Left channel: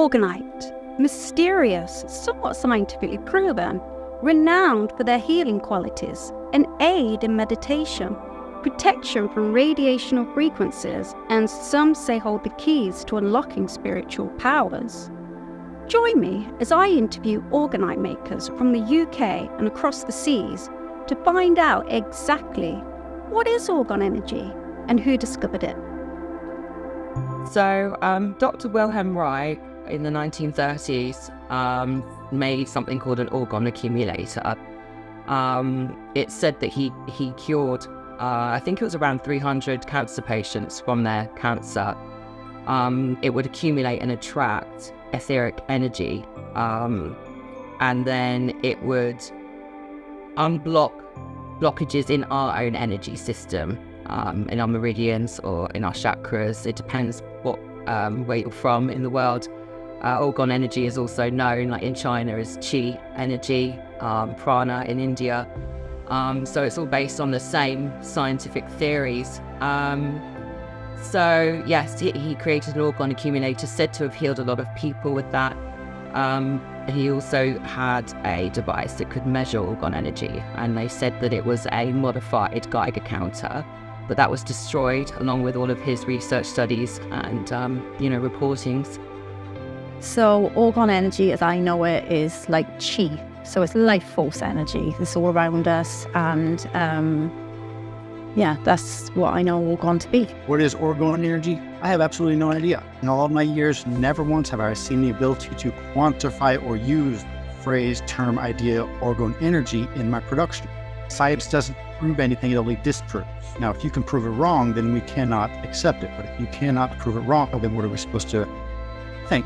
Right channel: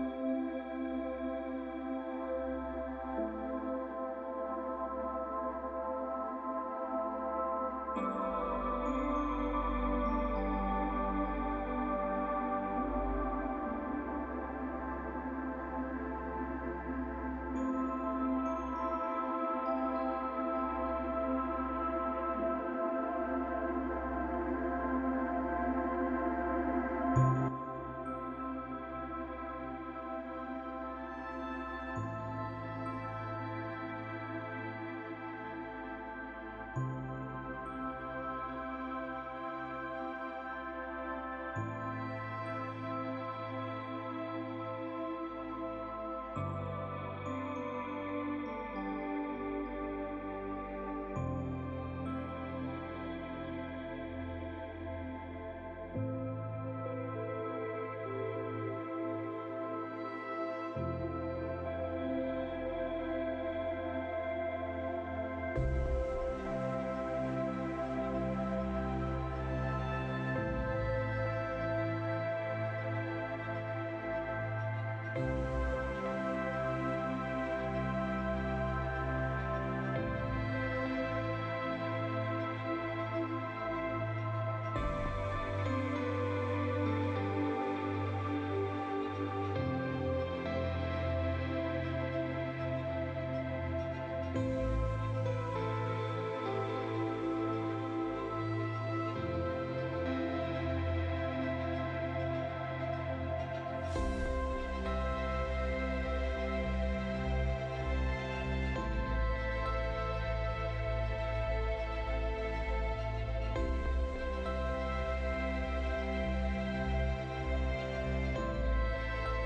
Orgonite, mysterious, somewhat scientifically proven, renowned for their healing qualities, an aid in meditation, protection from radiational frequencies, and some say hold the keys to unlocking spiritual powers. Join me as I interview Orgonite makers from the UK and across the seas to find out exactly what is Orgone energy and who discovered it. So, Dr. Wilhelm Reich in the 1930s made something called an orgone accumulator. It's said that he cured, I think it was around 300 cancer patients from their cancer. It would accumulate and attract etheric energy, and then it would unblock blockages in our own energy system, in our meridians or in our chakras. It depends what where you're from in the world. Orgone energy is also known, like in China, as Qi energy, prana in India. So it's all based on the same scientific theories. So yes, he created an orgone accumulator, said to have healed a lot of people with that. He also had a device that could measure orgone energy, and they said that it was a modified Geiger counter, but that was destroyed along with all of his research studies and reportings. So orgone energy, as I know it, is like Qi. So it's life force energy. It's all around us, and that's what I know orgone to be. What is orgone energy? I have absolutely no idea. In all of my years, never once have I seen the ability to quantify or use the phrase, term, idea, orgone energy in my production. Science doesn't prove anything, it only disproves. Now, if you can prove it wrong, then we cannot accept it. But if you cannot prove it wrong, then what are we supposed to think?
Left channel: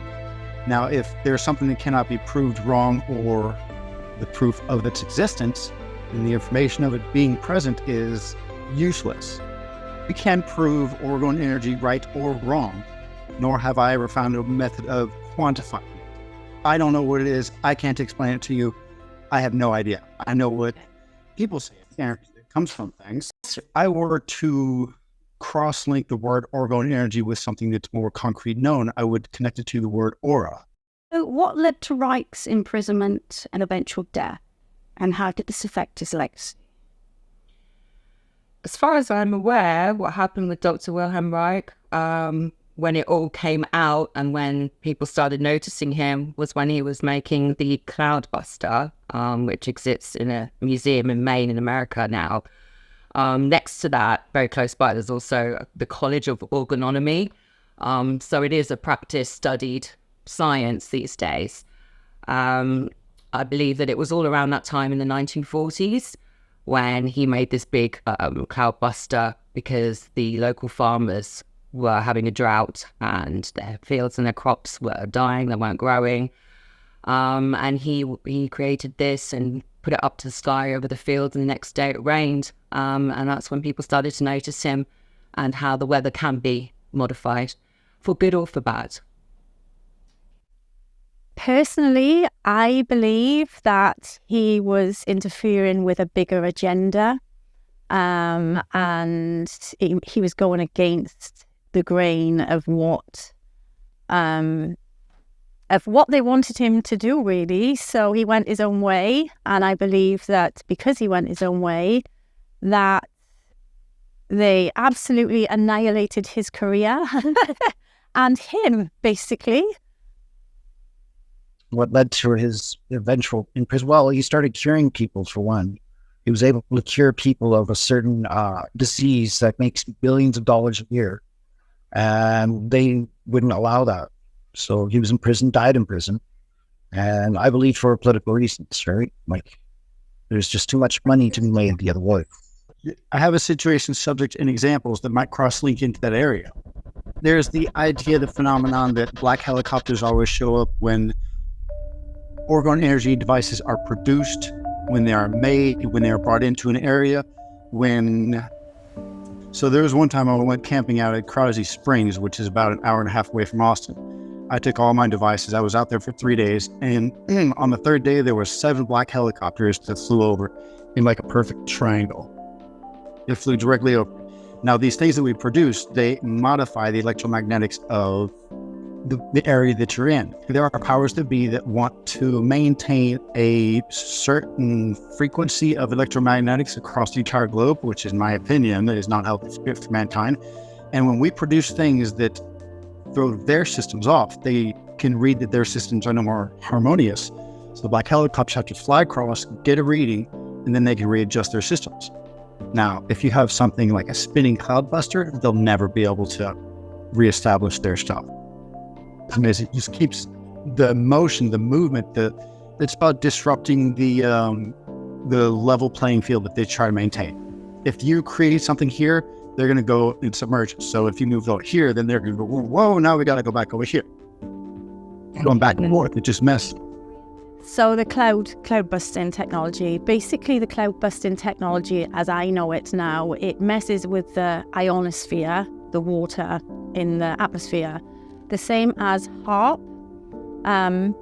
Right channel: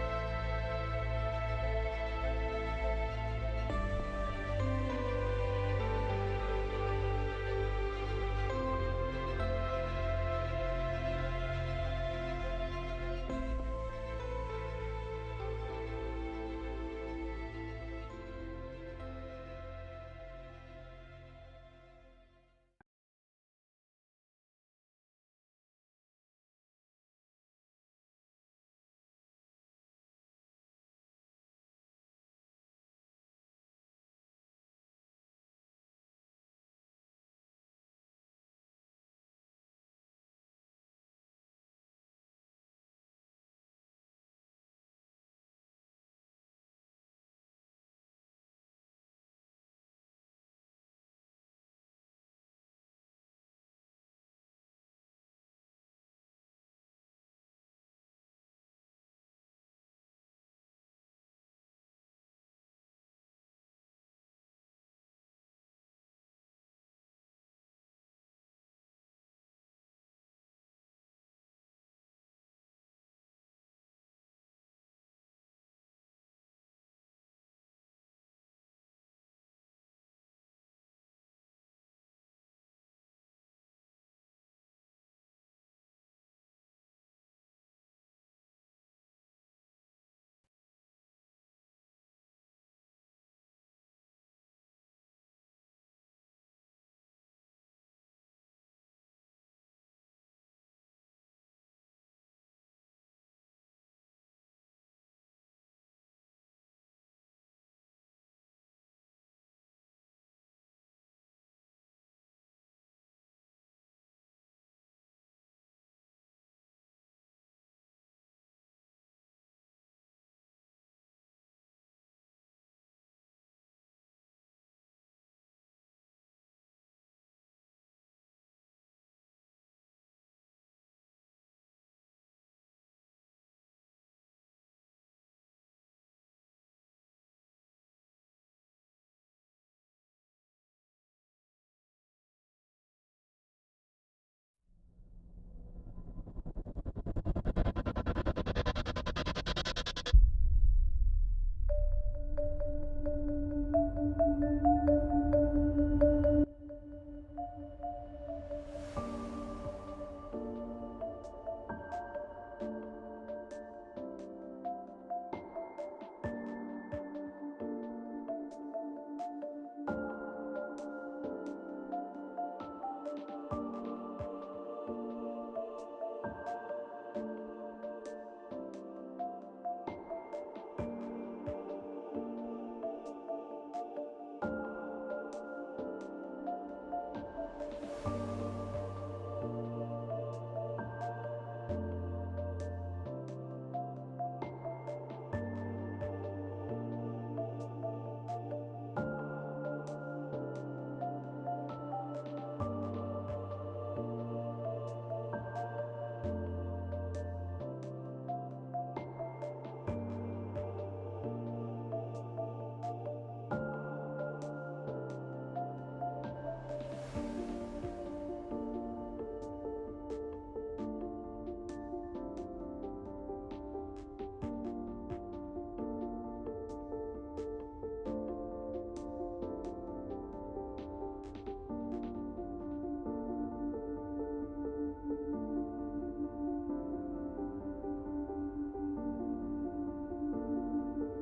Now, if there's something that cannot be proved wrong, or the proof of its existence and the information of it being present is useless, we can't prove orgone energy right or wrong, nor have I ever found a method of quantifying it. I don't know what it is. I can't explain it to you. I have no idea. I know what people say it comes from things. If I were to cross-link the word orgone energy with something that's more concrete known, I would connect it to the word aura. So what led to Reich's imprisonment and eventual death, and how did this affect his legacy? As far as I'm aware, what happened with Dr. Wilhelm Reich, when it all came out and when people started noticing him, was when he was making the Cloudbuster, which exists in a museum in Maine in America now. Next to that, very close by, there's also the College of Orgonomy. So it is a practice-studied science these days. I believe that it was all around that time in the 1940s when he made this big Cloudbuster, because the local farmers were having a drought and their fields and their crops were dying, they weren't growing. And he created this and put it up to the sky over the fields, and the next day it rained. And that's when people started to notice him and how the weather can be modified, for good or for bad. Personally, I believe that he was interfering with a bigger agenda, and he was going against the grain of what they wanted him to do, really. So he went his own way, and I believe that because he went his own way, that they absolutely annihilated his career and him, basically. What led to his eventual imprisonment? Well, he started curing people, for one. He was able to cure people of a certain disease that makes billions of dollars a year, and they wouldn't allow that. So he was in prison, died in prison, and I believe for political reasons, right? Like, there's just too much money to be made the other way. I have a situation, subject, and examples that might cross-link into that area. There's the idea, the phenomenon that black helicopters always show up when orgone energy devices are produced, when they are made, when they are brought into an area, So there was one time I went camping out at Crosby Springs, which is about an hour and a half away from Austin. I took all my devices. I was out there for 3 days, and on the third day, there were 7 black helicopters that flew over in like a perfect triangle. It flew directly over. Now, these things that we produce, they modify the electromagnetics of the area that you're in. There are powers that be that want to maintain a certain frequency of electromagnetics across the entire globe, which, in my opinion, is not healthy for mankind. And when we produce things that throw their systems off, they can read that their systems are no more harmonious. So the black helicopters have to fly across, get a reading, and then they can readjust their systems. Now, if you have something like a spinning cloudbuster, they'll never be able to reestablish their stuff. It just keeps the motion, the movement. It's about disrupting the level playing field that they try to maintain. If you create something here, they're going to go and submerge it. So if you move over here, then they're going to go, whoa, now we got to go back over here. Going back and forth, it just messes. So the cloud busting technology, basically the cloud busting technology, as I know it now, it messes with the ionosphere, the water in the atmosphere, the same as HAARP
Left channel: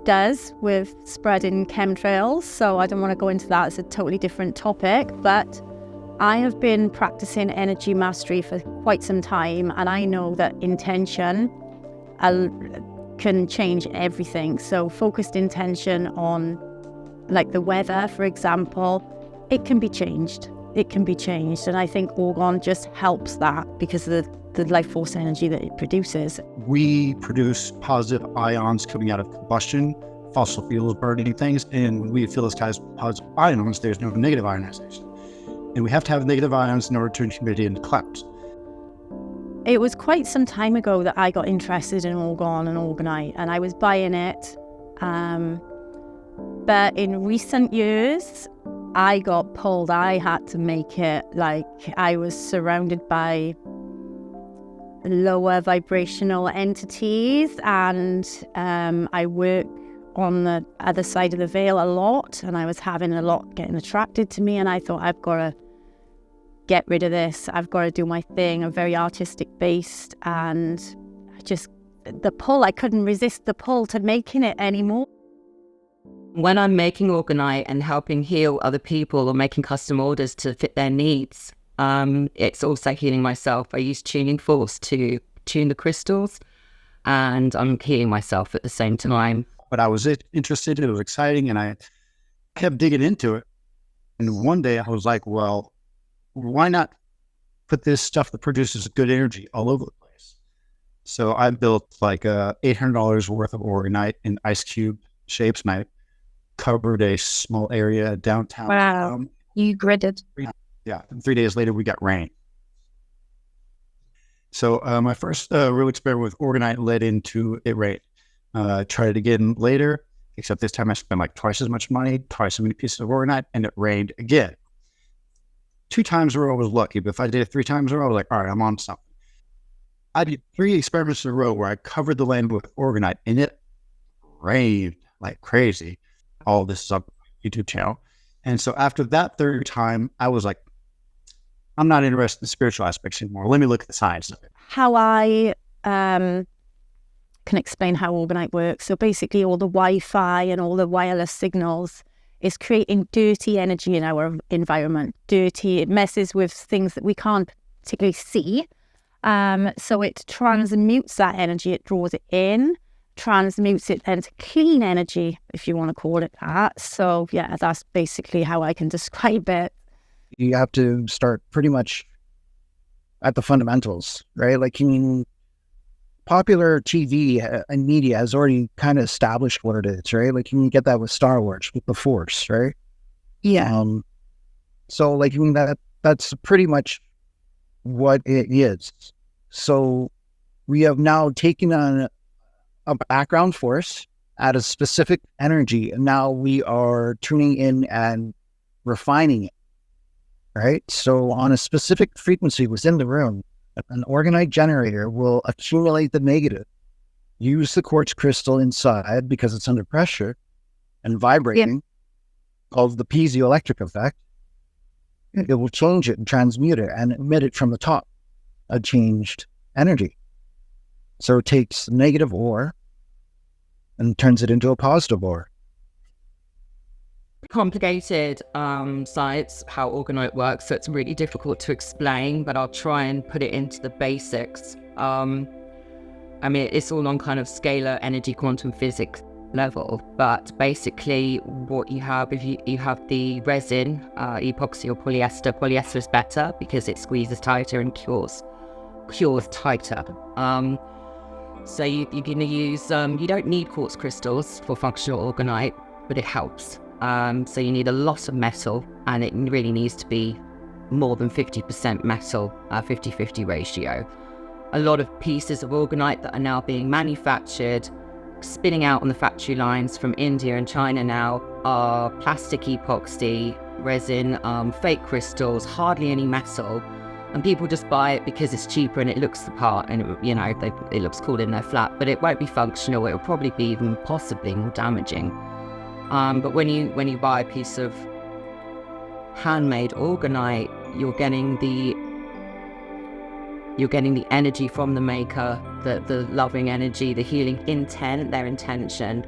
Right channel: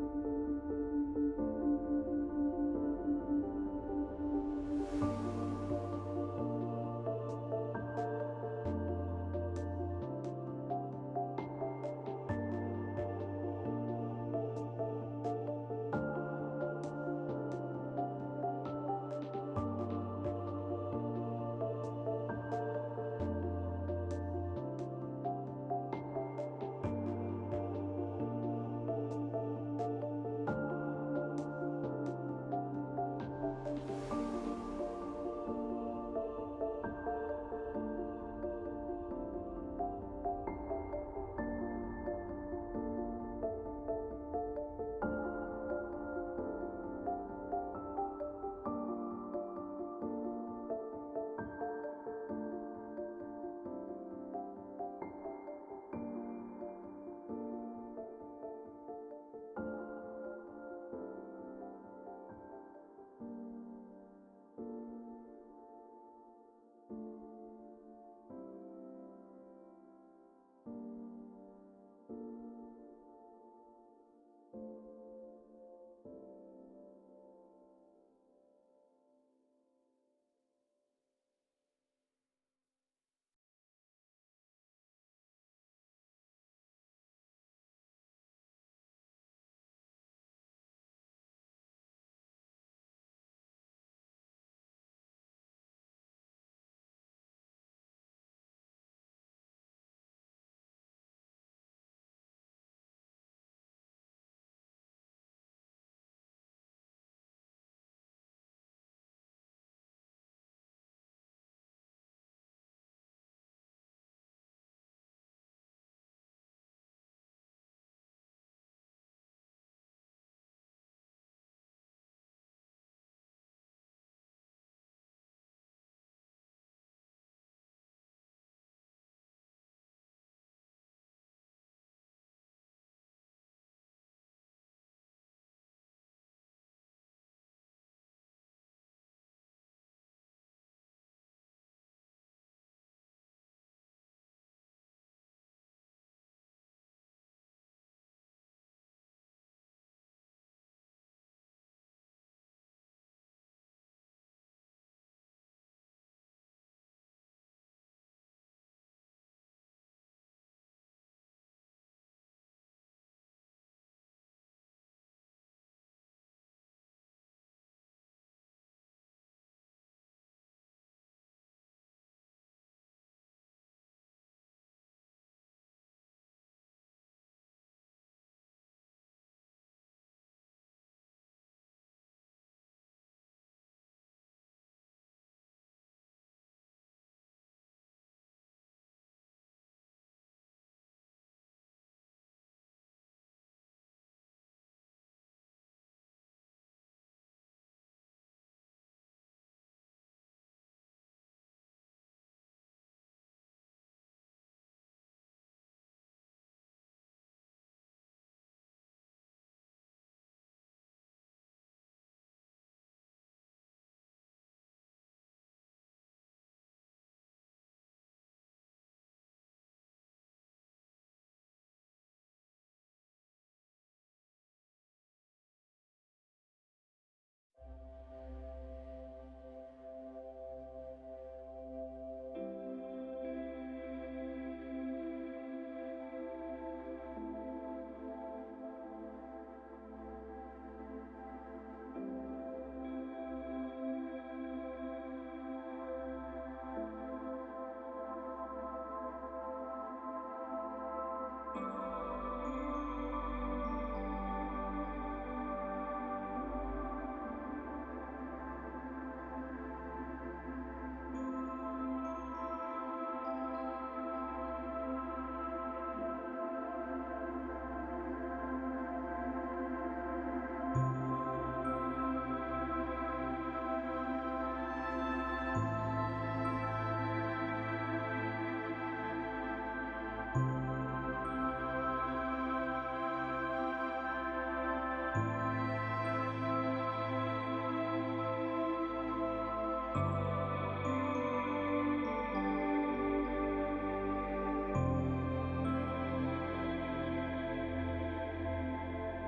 does with spreading chemtrails. So I don't want to go into that. It's a totally different topic, but I have been practicing energy mastery for quite some time, and I know that intention can change everything. So focused intention on, like, the weather, for example, it can be changed. And I think Orgone just helps that because of the life force energy that it produces. We produce positive ions coming out of combustion, fossil fuels burning things, and we fill the skies with positive ions. There's no negative ionization. And we have to have negative ions in order to turn humidity into clouds. It was quite some time ago that I got interested in Orgone and Orgonite, and I was buying it. But in recent years, I got pulled. I had to make it. Like, I was surrounded by lower vibrational entities, and I work on the other side of the veil a lot, and I was having a lot getting attracted to me, and I thought, I've got to get rid of this. I've got to do my thing. I'm very artistic based, and I couldn't resist the pull to making it anymore. When I'm making Orgonite and helping heal other people or making custom orders to fit their needs, it's also healing myself. I use tuning force to tune the crystals, and I'm healing myself at the same time. But I was interested, it was exciting, and I kept digging into it. And one day I was like, well, why not put this stuff that produces good energy all over the place? So I built like $800 worth of Orgonite in ice cube shapes, and I covered a small area downtown. Wow. You gridded. Yeah. And 3 days later, we got rain. So my first real experiment with Orgonite led into it rained. Tried it again later, except this time I spent like twice as much money, twice as many pieces of Orgonite, and it rained again. 2 times in a row was lucky, but if I did it 3 times in a row, I was like, all right, I'm on something. I did 3 experiments in a row where I covered the land with Orgonite, and it rained like crazy. All this is up on my YouTube channel. And so after that 3rd time, I was like, I'm not interested in the spiritual aspects anymore. Let me look at the science of it. How I can explain how Orgonite works. So basically all the Wi-Fi and all the wireless signals is creating dirty energy in our environment. Dirty, it messes with things that we can't particularly see. So it transmutes that energy, it draws it in, transmutes it into clean energy, if you want to call it that. So yeah, that's basically how I can describe it. You have to start pretty much at the fundamentals, right? Like, popular TV and media has already kind of established what it is, right? Like, you can get that with Star Wars, with the Force, right? Yeah. So like, that's pretty much what it is. So we have now taken on a background force at a specific energy, and now we are tuning in and refining it, right? So on a specific frequency within the room, an Orgonite generator will accumulate the negative, use the quartz crystal inside because it's under pressure and vibrating, called the piezoelectric effect. It will change it and transmute it and emit it from the top, a changed energy. So it takes negative ore and turns it into a positive ore. Complicated science, how Orgonite works, so it's really difficult to explain, but I'll try and put it into the basics. I mean, it's all on kind of scalar energy quantum physics level, but basically what you have, if you have the resin, epoxy or polyester. Polyester is better because it squeezes tighter and cures tighter. So you're going to use, you don't need quartz crystals for functional orgonite, but it helps. So you need a lot of metal, and it really needs to be more than 50% metal, 50-50 ratio. A lot of pieces of orgonite that are now being manufactured, spinning out on the factory lines from India and China now, are plastic epoxy, resin, fake crystals, hardly any metal. And people just buy it because it's cheaper and it looks the part, and it looks cool in their flat, but it won't be functional. It will probably be even possibly more damaging. But when you buy a piece of handmade orgonite, you're getting the energy from the maker, the loving energy, the healing intent, their intention.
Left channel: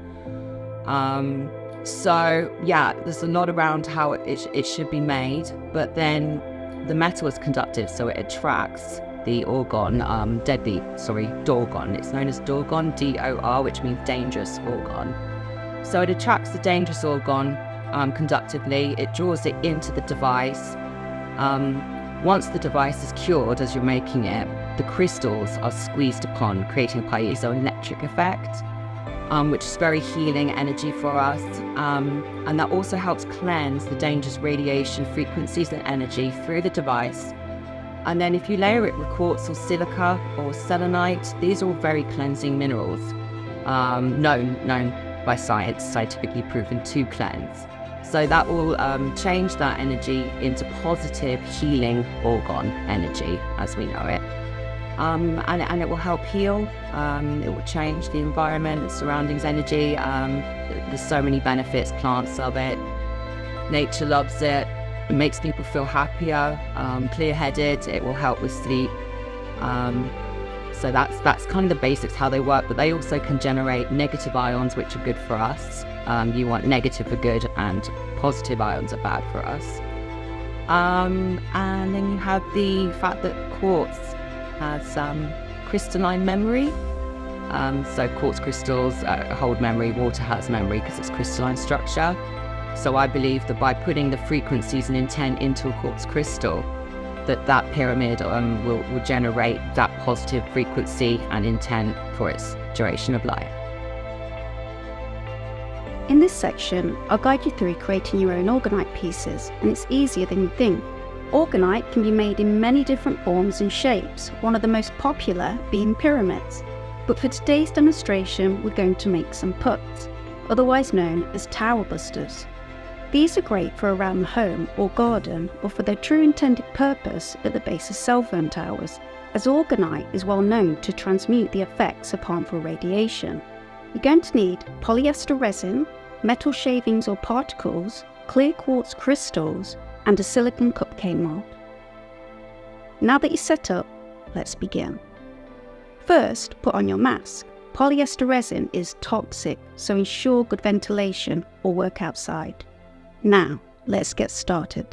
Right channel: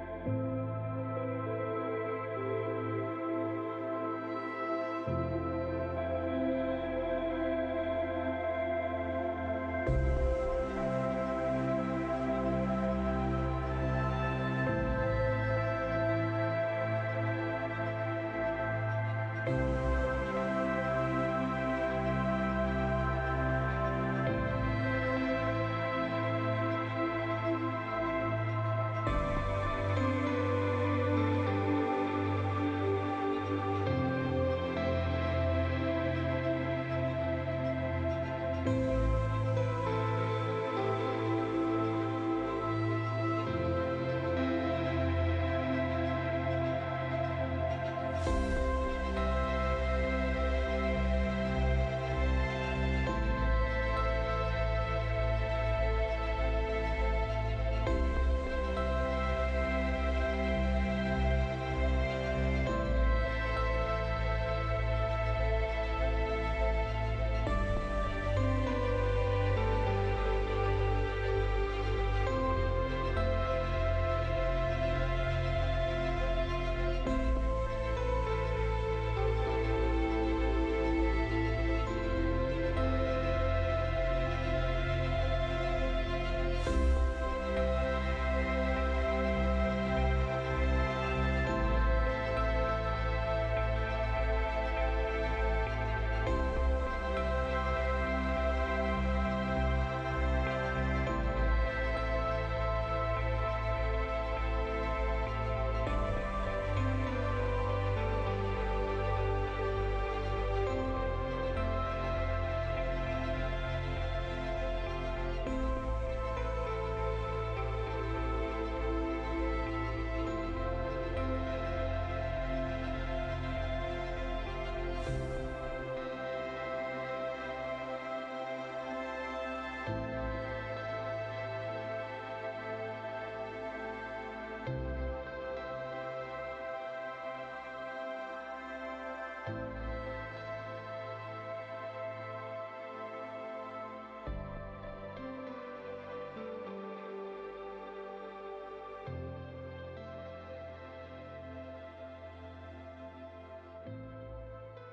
So yeah, there's a lot around how it should be made, but then the metal is conductive, so it attracts the orgone, dorgon. It's known as dorgon, D-O-R, which means dangerous orgone. So it attracts the dangerous orgone conductively. It draws it into the device. Once the device is cured, as you're making it, the crystals are squeezed upon, creating a piezoelectric effect, which is very healing energy for us. And that also helps cleanse the dangerous radiation frequencies and energy through the device. And then if you layer it with quartz or silica or selenite, these are all very cleansing minerals, known by science, scientifically proven to cleanse. So that will change that energy into positive healing orgone energy as we know it. And it will help heal. It will change the environment, the surroundings energy. There's so many benefits. Plants love it. Nature loves it. It makes people feel happier, clear-headed. It will help with sleep. So that's kind of the basics, how they work. But they also can generate negative ions, which are good for us. You want negative for good, and positive ions are bad for us. And then you have the fact that quartz has crystalline memory. So quartz crystals hold memory, water has memory because it's crystalline structure. So I believe that by putting the frequencies and intent into a quartz crystal, that pyramid will generate that positive frequency and intent for its duration of life. In this section, I'll guide you through creating your own orgonite pieces, and it's easier than you think. Orgonite can be made in many different forms and shapes, one of the most popular being pyramids. But for today's demonstration, we're going to make some pucks, otherwise known as tower busters. These are great for around the home or garden, or for their true intended purpose at the base of cell phone towers, as orgonite is well known to transmute the effects of harmful radiation. You're going to need polyester resin, metal shavings or particles, clear quartz crystals, and a silicone cupcake mold. Now that you're set up, let's begin. First, put on your mask. Polyester resin is toxic, so ensure good ventilation or work outside. Now, let's get started.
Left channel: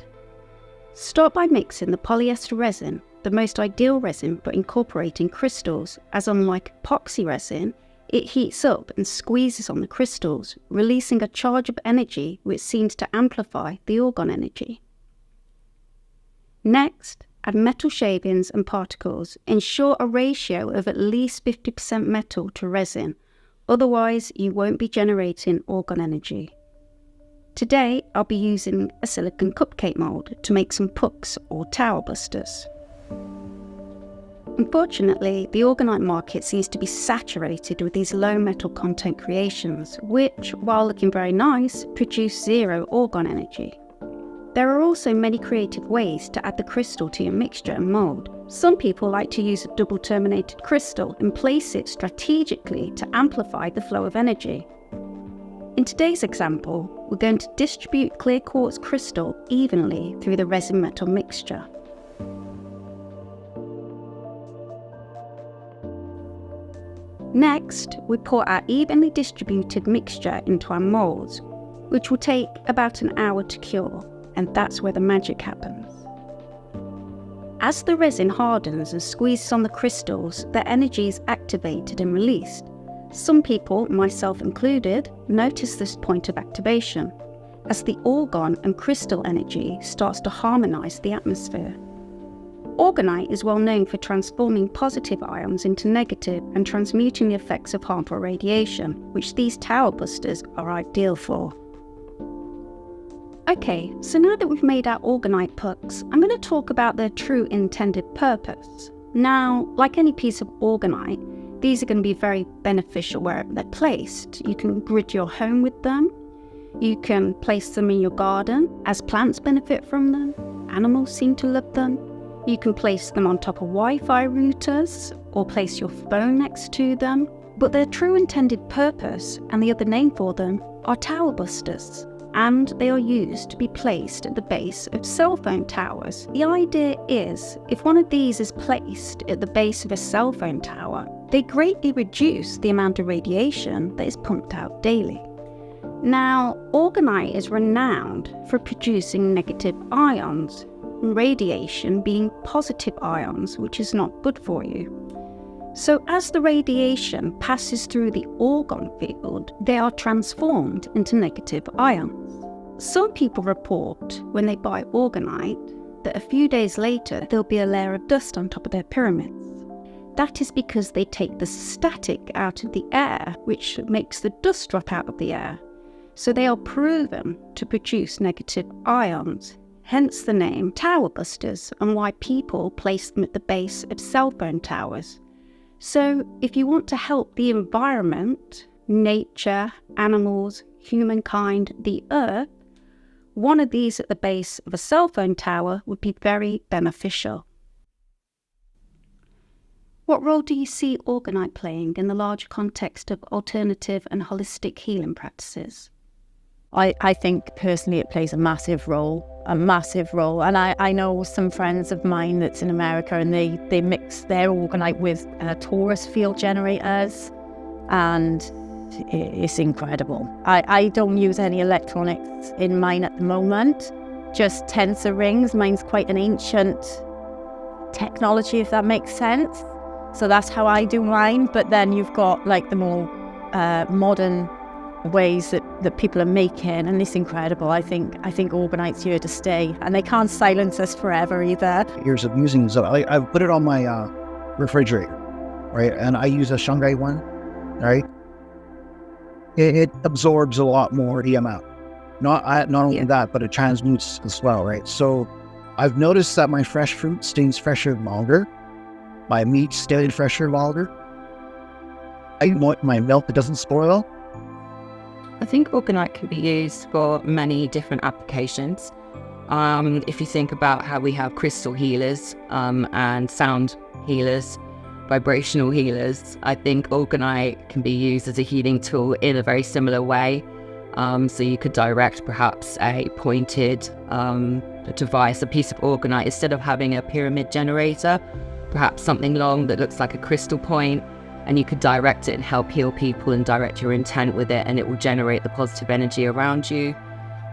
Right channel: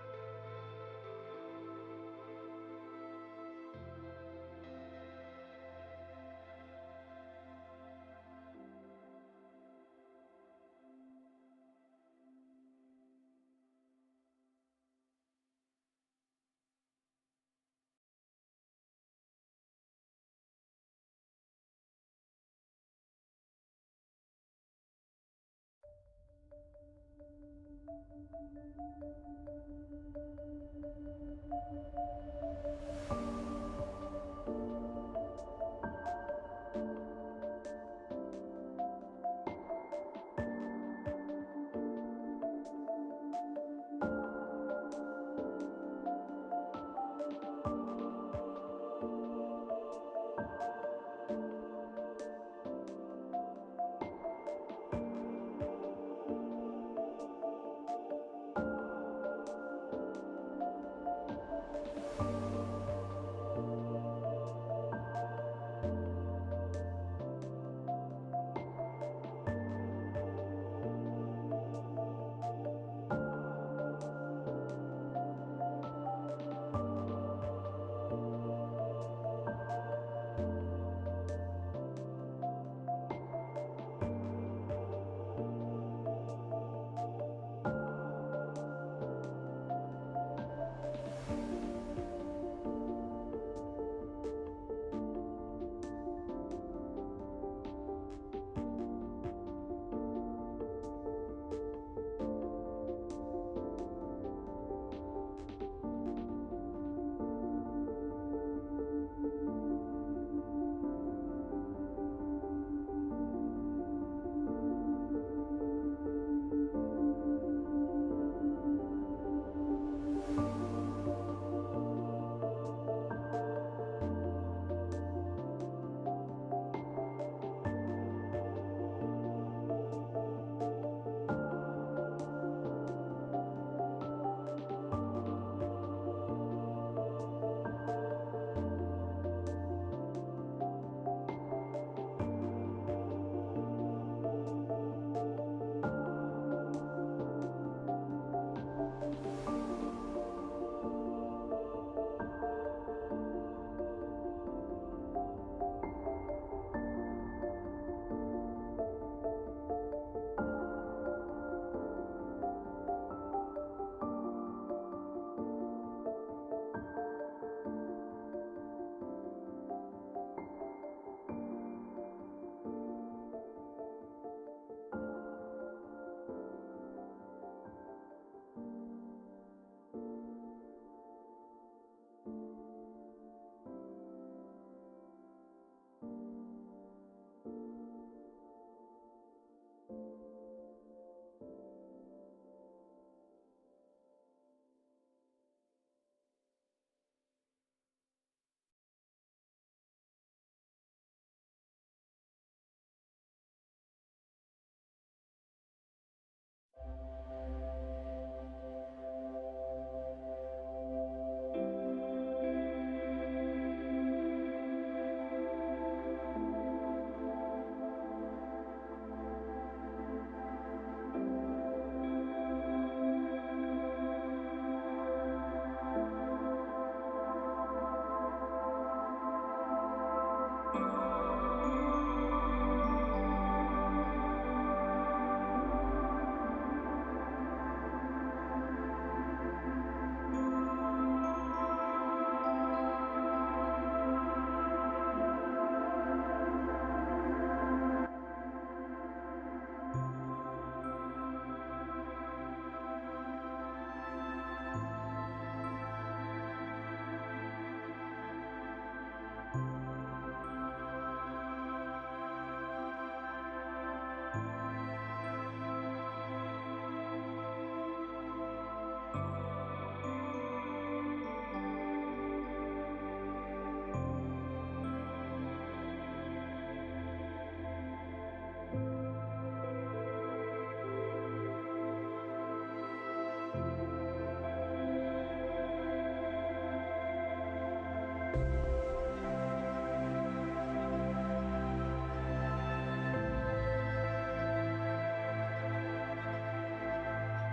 Start by mixing the polyester resin, the most ideal resin for incorporating crystals, as unlike epoxy resin, it heats up and squeezes on the crystals, releasing a charge of energy which seems to amplify the orgone energy. Next, add metal shavings and particles. Ensure a ratio of at least 50% metal to resin, otherwise you won't be generating orgone energy. Today, I'll be using a silicone cupcake mold to make some pucks or tower busters. Unfortunately, the orgonite market seems to be saturated with these low metal content creations, which, while looking very nice, produce zero orgone energy. There are also many creative ways to add the crystal to your mixture and mold. Some people like to use a double terminated crystal and place it strategically to amplify the flow of energy. In today's example, we're going to distribute clear quartz crystal evenly through the resin metal mixture. Next, we pour our evenly distributed mixture into our molds, which will take about an hour to cure, and that's where the magic happens. As the resin hardens and squeezes on the crystals, their energy is activated and released. Some people, myself included, notice this point of activation as the orgone and crystal energy starts to harmonize the atmosphere. Orgonite is well known for transforming positive ions into negative and transmuting the effects of harmful radiation, which these tower busters are ideal for. Okay, so now that we've made our Orgonite pucks, I'm going to talk about their true intended purpose. Now, like any piece of Orgonite, these are going to be very beneficial wherever they're placed. You can grid your home with them. You can place them in your garden, as plants benefit from them. Animals seem to love them. You can place them on top of Wi-Fi routers or place your phone next to them. But their true intended purpose, and the other name for them, are tower busters. And they are used to be placed at the base of cell phone towers. The idea is, if one of these is placed at the base of a cell phone tower, they greatly reduce the amount of radiation that is pumped out daily. Now, Orgonite is renowned for producing negative ions, radiation being positive ions, which is not good for you. So as the radiation passes through the orgone field, they are transformed into negative ions. Some people report when they buy Orgonite that a few days later there'll be a layer of dust on top of their pyramids. That is because they take the static out of the air, which makes the dust drop out of the air. So they are proven to produce negative ions, hence the name tower busters and why people place them at the base of cell phone towers. So if you want to help the environment, nature, animals, humankind, the earth, one of these at the base of a cell phone tower would be very beneficial. What role do you see Orgonite playing in the larger context of alternative and holistic healing practices? I think personally it plays a massive role. And I know some friends of mine that's in America, and they mix their Orgonite with torus field generators, and it's incredible. I don't use any electronics in mine at the moment, just tensor rings. Mine's quite an ancient technology, if that makes sense. So that's how I do mine. But then you've got like the more modern ways that people are making, and it's incredible. I think Orgonite's here to stay, and they can't silence us forever either. Years of using, so I've put it on my refrigerator, right? And I use a Shanghai one, right? It absorbs a lot more EMF. Not only that, but it transmutes as well, right? So I've noticed that my fresh fruit stays fresher longer. My meat stays fresher longer. My milk, it doesn't spoil. I think Orgonite can be used for many different applications. If you think about how we have crystal healers and sound healers, vibrational healers, I think Orgonite can be used as a healing tool in a very similar way. So you could direct perhaps a pointed device, a piece of Orgonite, instead of having a pyramid generator, perhaps something long that looks like a crystal point, and you could direct it and help heal people and direct your intent with it, and it will generate the positive energy around you.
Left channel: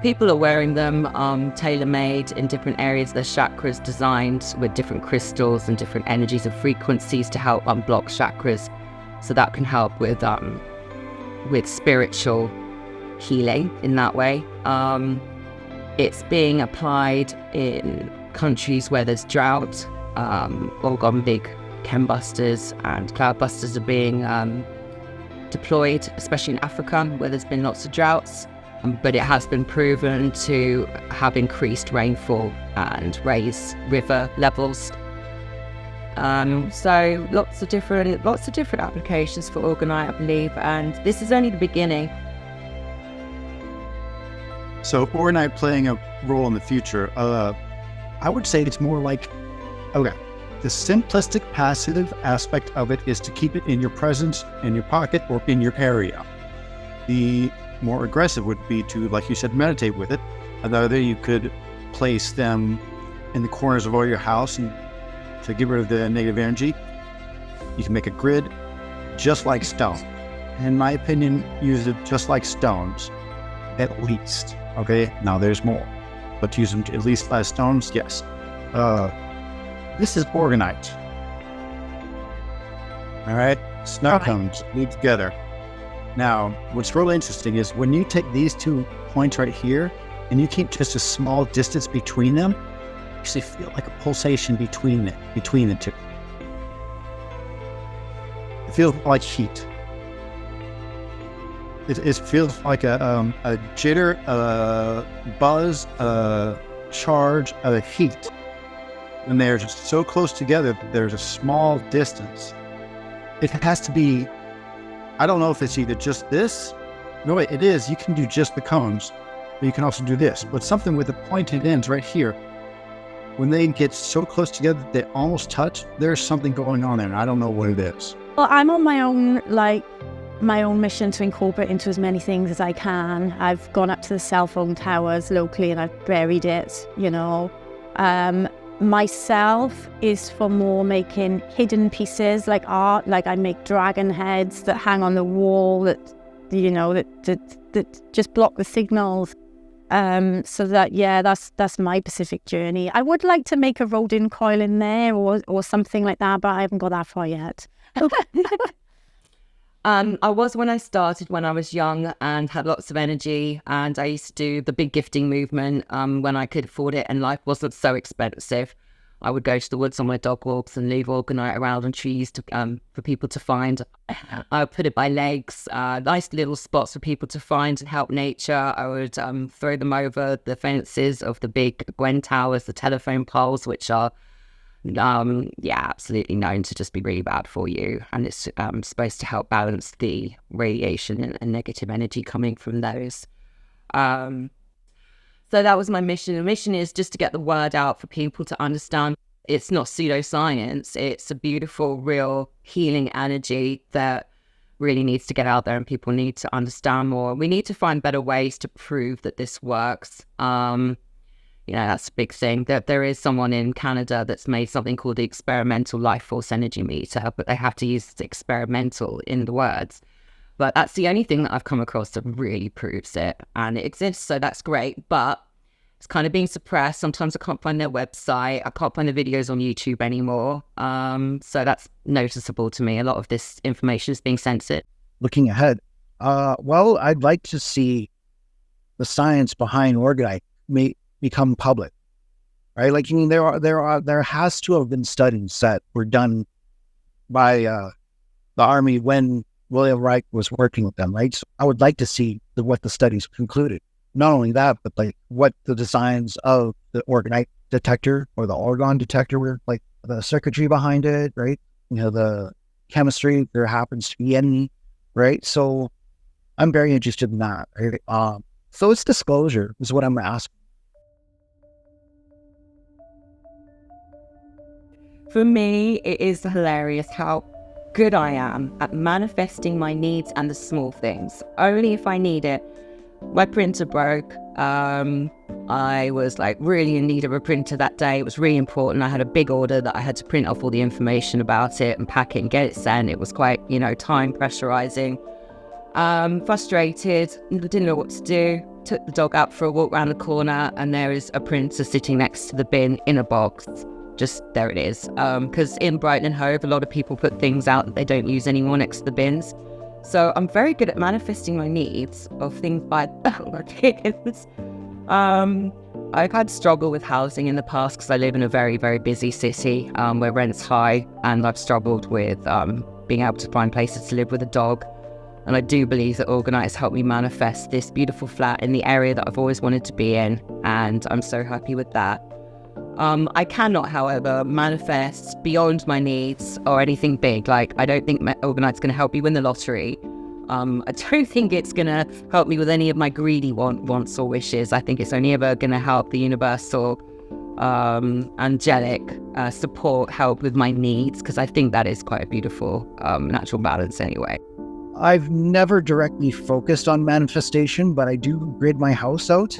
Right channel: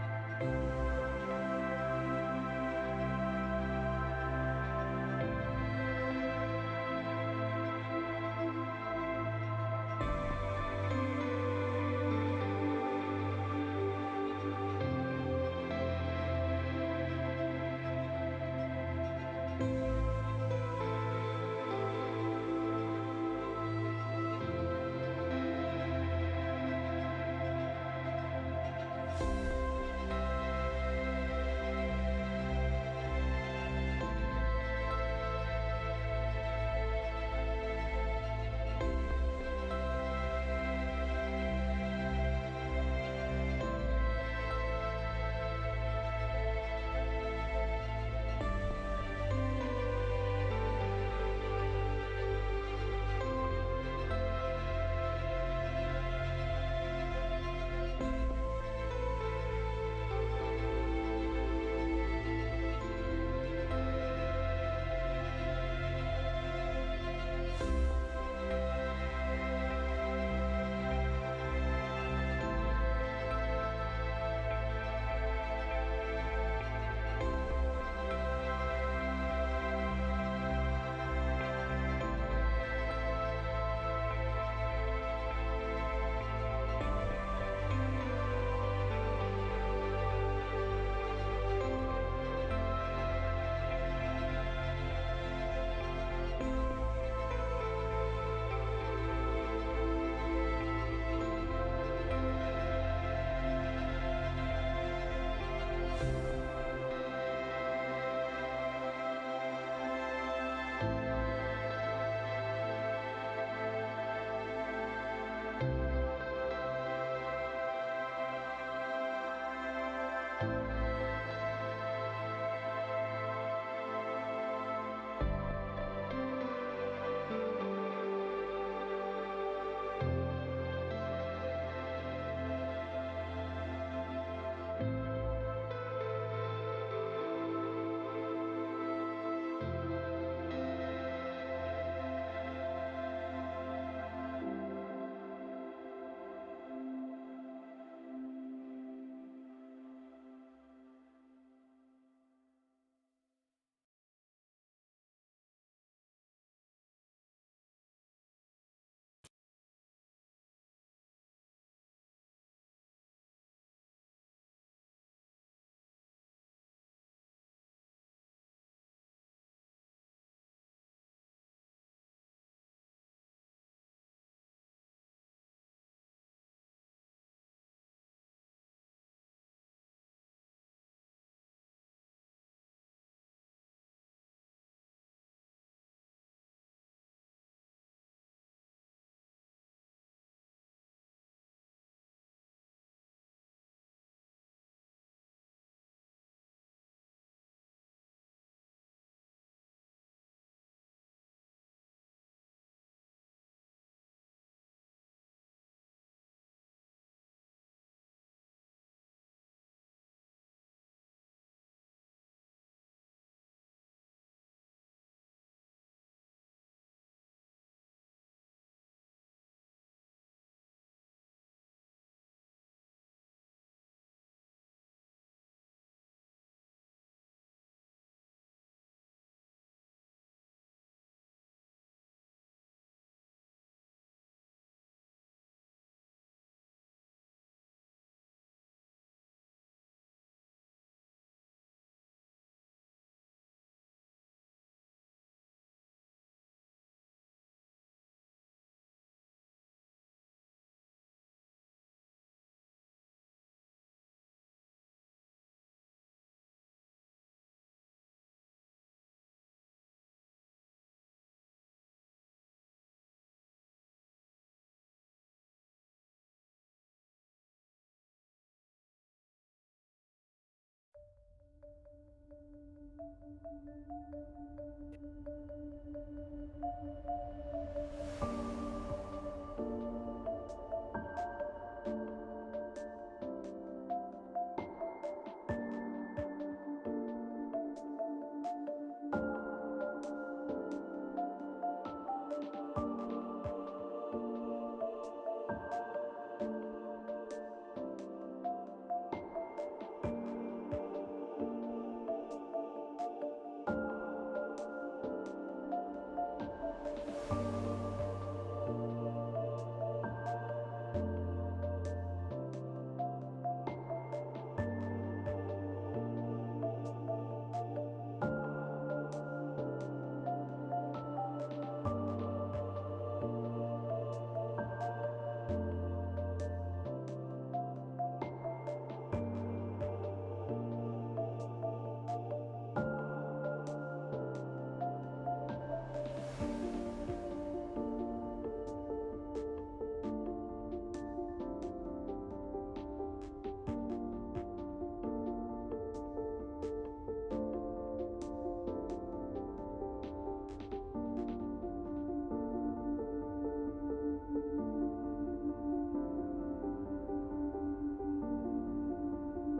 People are wearing them tailor-made in different areas of their chakras, designed with different crystals and different energies and frequencies to help unblock chakras. So that can help with spiritual healing in that way. It's being applied in countries where there's drought. Orgone big chembusters and cloud busters are being deployed, especially in Africa where there's been lots of droughts. But it has been proven to have increased rainfall and raise river levels. So lots of different applications for Orgonite, I believe, and this is only the beginning. So Orgonite playing a role in the future, I would say it's more like, okay, the simplistic passive aspect of it is to keep it in your presence, in your pocket, or in your area. The more aggressive would be to, like you said, meditate with it. Another, you could place them in the corners of all your house and to get rid of the negative energy. You can make a grid just like stone. In my opinion, use it just like stones, at least. Okay, now there's more, but use them at least as stones, yes. This is Orgonite. All right, snug cones glued together. Now, what's really interesting is when you take these 2 points right here and you keep just a small distance between them, you actually feel like a pulsation between the 2. It feels like heat. It feels like a jitter, a buzz, a charge, a heat. When they're just so close together, there's a small distance. It has to be, I don't know if it's either just this. No, wait, it is. You can do just the cones, but you can also do this. But something with the pointed ends right here, when they get so close together that they almost touch, there's something going on there, and I don't know what it is. Well, I'm on my own mission to incorporate into as many things as I can. I've gone up to the cell phone towers locally and I've buried it, you know. Myself is for more making hidden pieces like art, like I make dragon heads that hang on the wall that, you know, that just block the signals. So that, yeah, that's my Pacific journey. I would like to make a rodent coil in there or something like that, but I haven't got that far yet. I was when I started when I was young and had lots of energy, and I used to do the big gifting movement when I could afford it and life wasn't so expensive. I would go to the woods on my dog walks and leave Orgonite around on trees to, for people to find. I would put it by lakes, nice little spots for people to find and help nature. I would throw them over the fences of the big Gwen towers, the telephone poles, which are absolutely known to just be really bad for you, and it's supposed to help balance the radiation and negative energy coming from those. So that was my mission. The mission is just to get the word out for people to understand it's not pseudoscience. It's a beautiful, real healing energy that really needs to get out there and people need to understand more. We need to find better ways to prove that this works. You know, that's a big thing. That there is someone in Canada that's made something called the experimental life force energy meter, but they have to use experimental in the words. But that's the only thing that I've come across that really proves it. And it exists, so that's great. But it's kind of being suppressed. Sometimes I can't find their website. I can't find the videos on YouTube anymore. So that's noticeable to me. A lot of this information is being censored. Looking ahead, well, I'd like to see the science behind Orgonite become public, right? Like, I mean, there has to have been studies that were done by the Army when William Reich was working with them, right? So I would like to see what the studies concluded. Not only that, but like what the designs of the Orgonite detector or the Orgone detector were, like the circuitry behind it, right? You know, the chemistry, if there happens to be any, right? So I'm very interested in that, right? So it's disclosure is what I'm asking. For me, it is hilarious how good I am at manifesting my needs and the small things, only if I need it. My printer broke. I was like really in need of a printer that day. It was really important. I had a big order that I had to print off all the information about it and pack it and get it sent. It was quite, you know, time pressurizing. Frustrated, didn't know what to do. Took the dog out for a walk around the corner and there is a printer sitting next to the bin in a box. Just there it is. Because in Brighton and Hove, a lot of people put things out that they don't use anymore next to the bins. So I'm very good at manifesting my needs of things by bins. I've had struggle with housing in the past because I live in a very, very busy city where rent's high, and I've struggled with being able to find places to live with a dog. And I do believe that Orgonite has helped me manifest this beautiful flat in the area that I've always wanted to be in, and I'm so happy with that. I cannot, however, manifest beyond my needs or anything big. Like, I don't think Orgonite's going to help me win the lottery. I don't think it's going to help me with any of my greedy wants or wishes. I think it's only ever going to help the universal, angelic support help with my needs, because I think that is quite a beautiful natural balance anyway. I've never directly focused on manifestation, but I do grid my house out.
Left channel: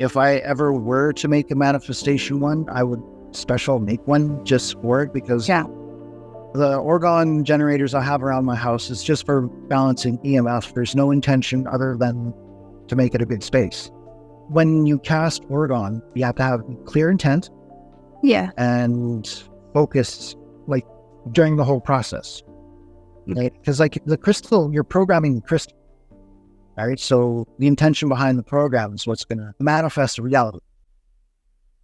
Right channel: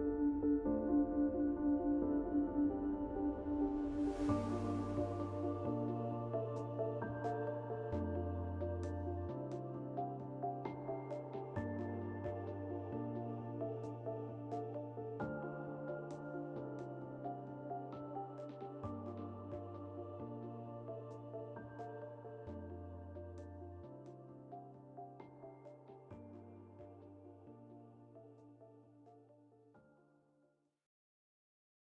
If I ever were to make a manifestation one, I would make one just for it, because the Orgone generators I have around my house is just for balancing EMF. There's no intention other than to make it a big space. When you cast Orgone, you have to have clear intent, Yeah. and focus like during the whole process. Right? Because like the crystal, you're programming the crystal. Right. So the intention behind the program is what's going to manifest a reality.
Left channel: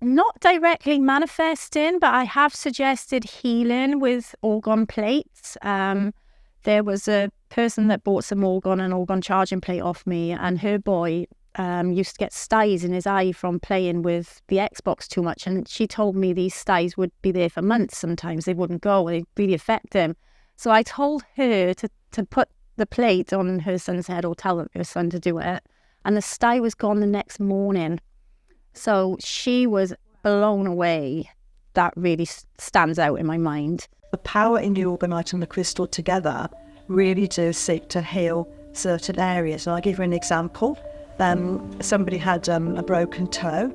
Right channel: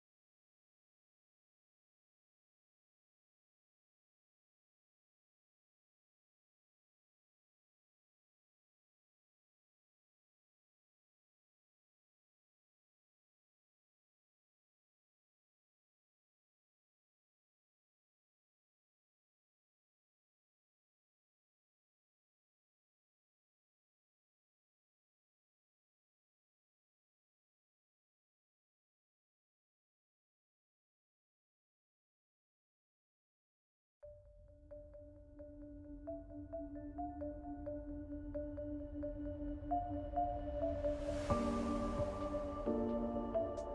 Not directly manifesting, but I have suggested healing with orgone plates. There was a person that bought some orgone and orgone charging plate off me, and her boy used to get styes in his eye from playing with the Xbox too much. And she told me these styes would be there for months sometimes. They wouldn't go, and they'd really affect him. So I told her to put the plate on her son's head, or tell her son to do it. And the stye was gone the next morning. So she was blown away. That really stands out in my mind. The power in the Orgonite and the crystal together really do seek to heal certain areas. And I'll give you an example. Somebody had a broken toe,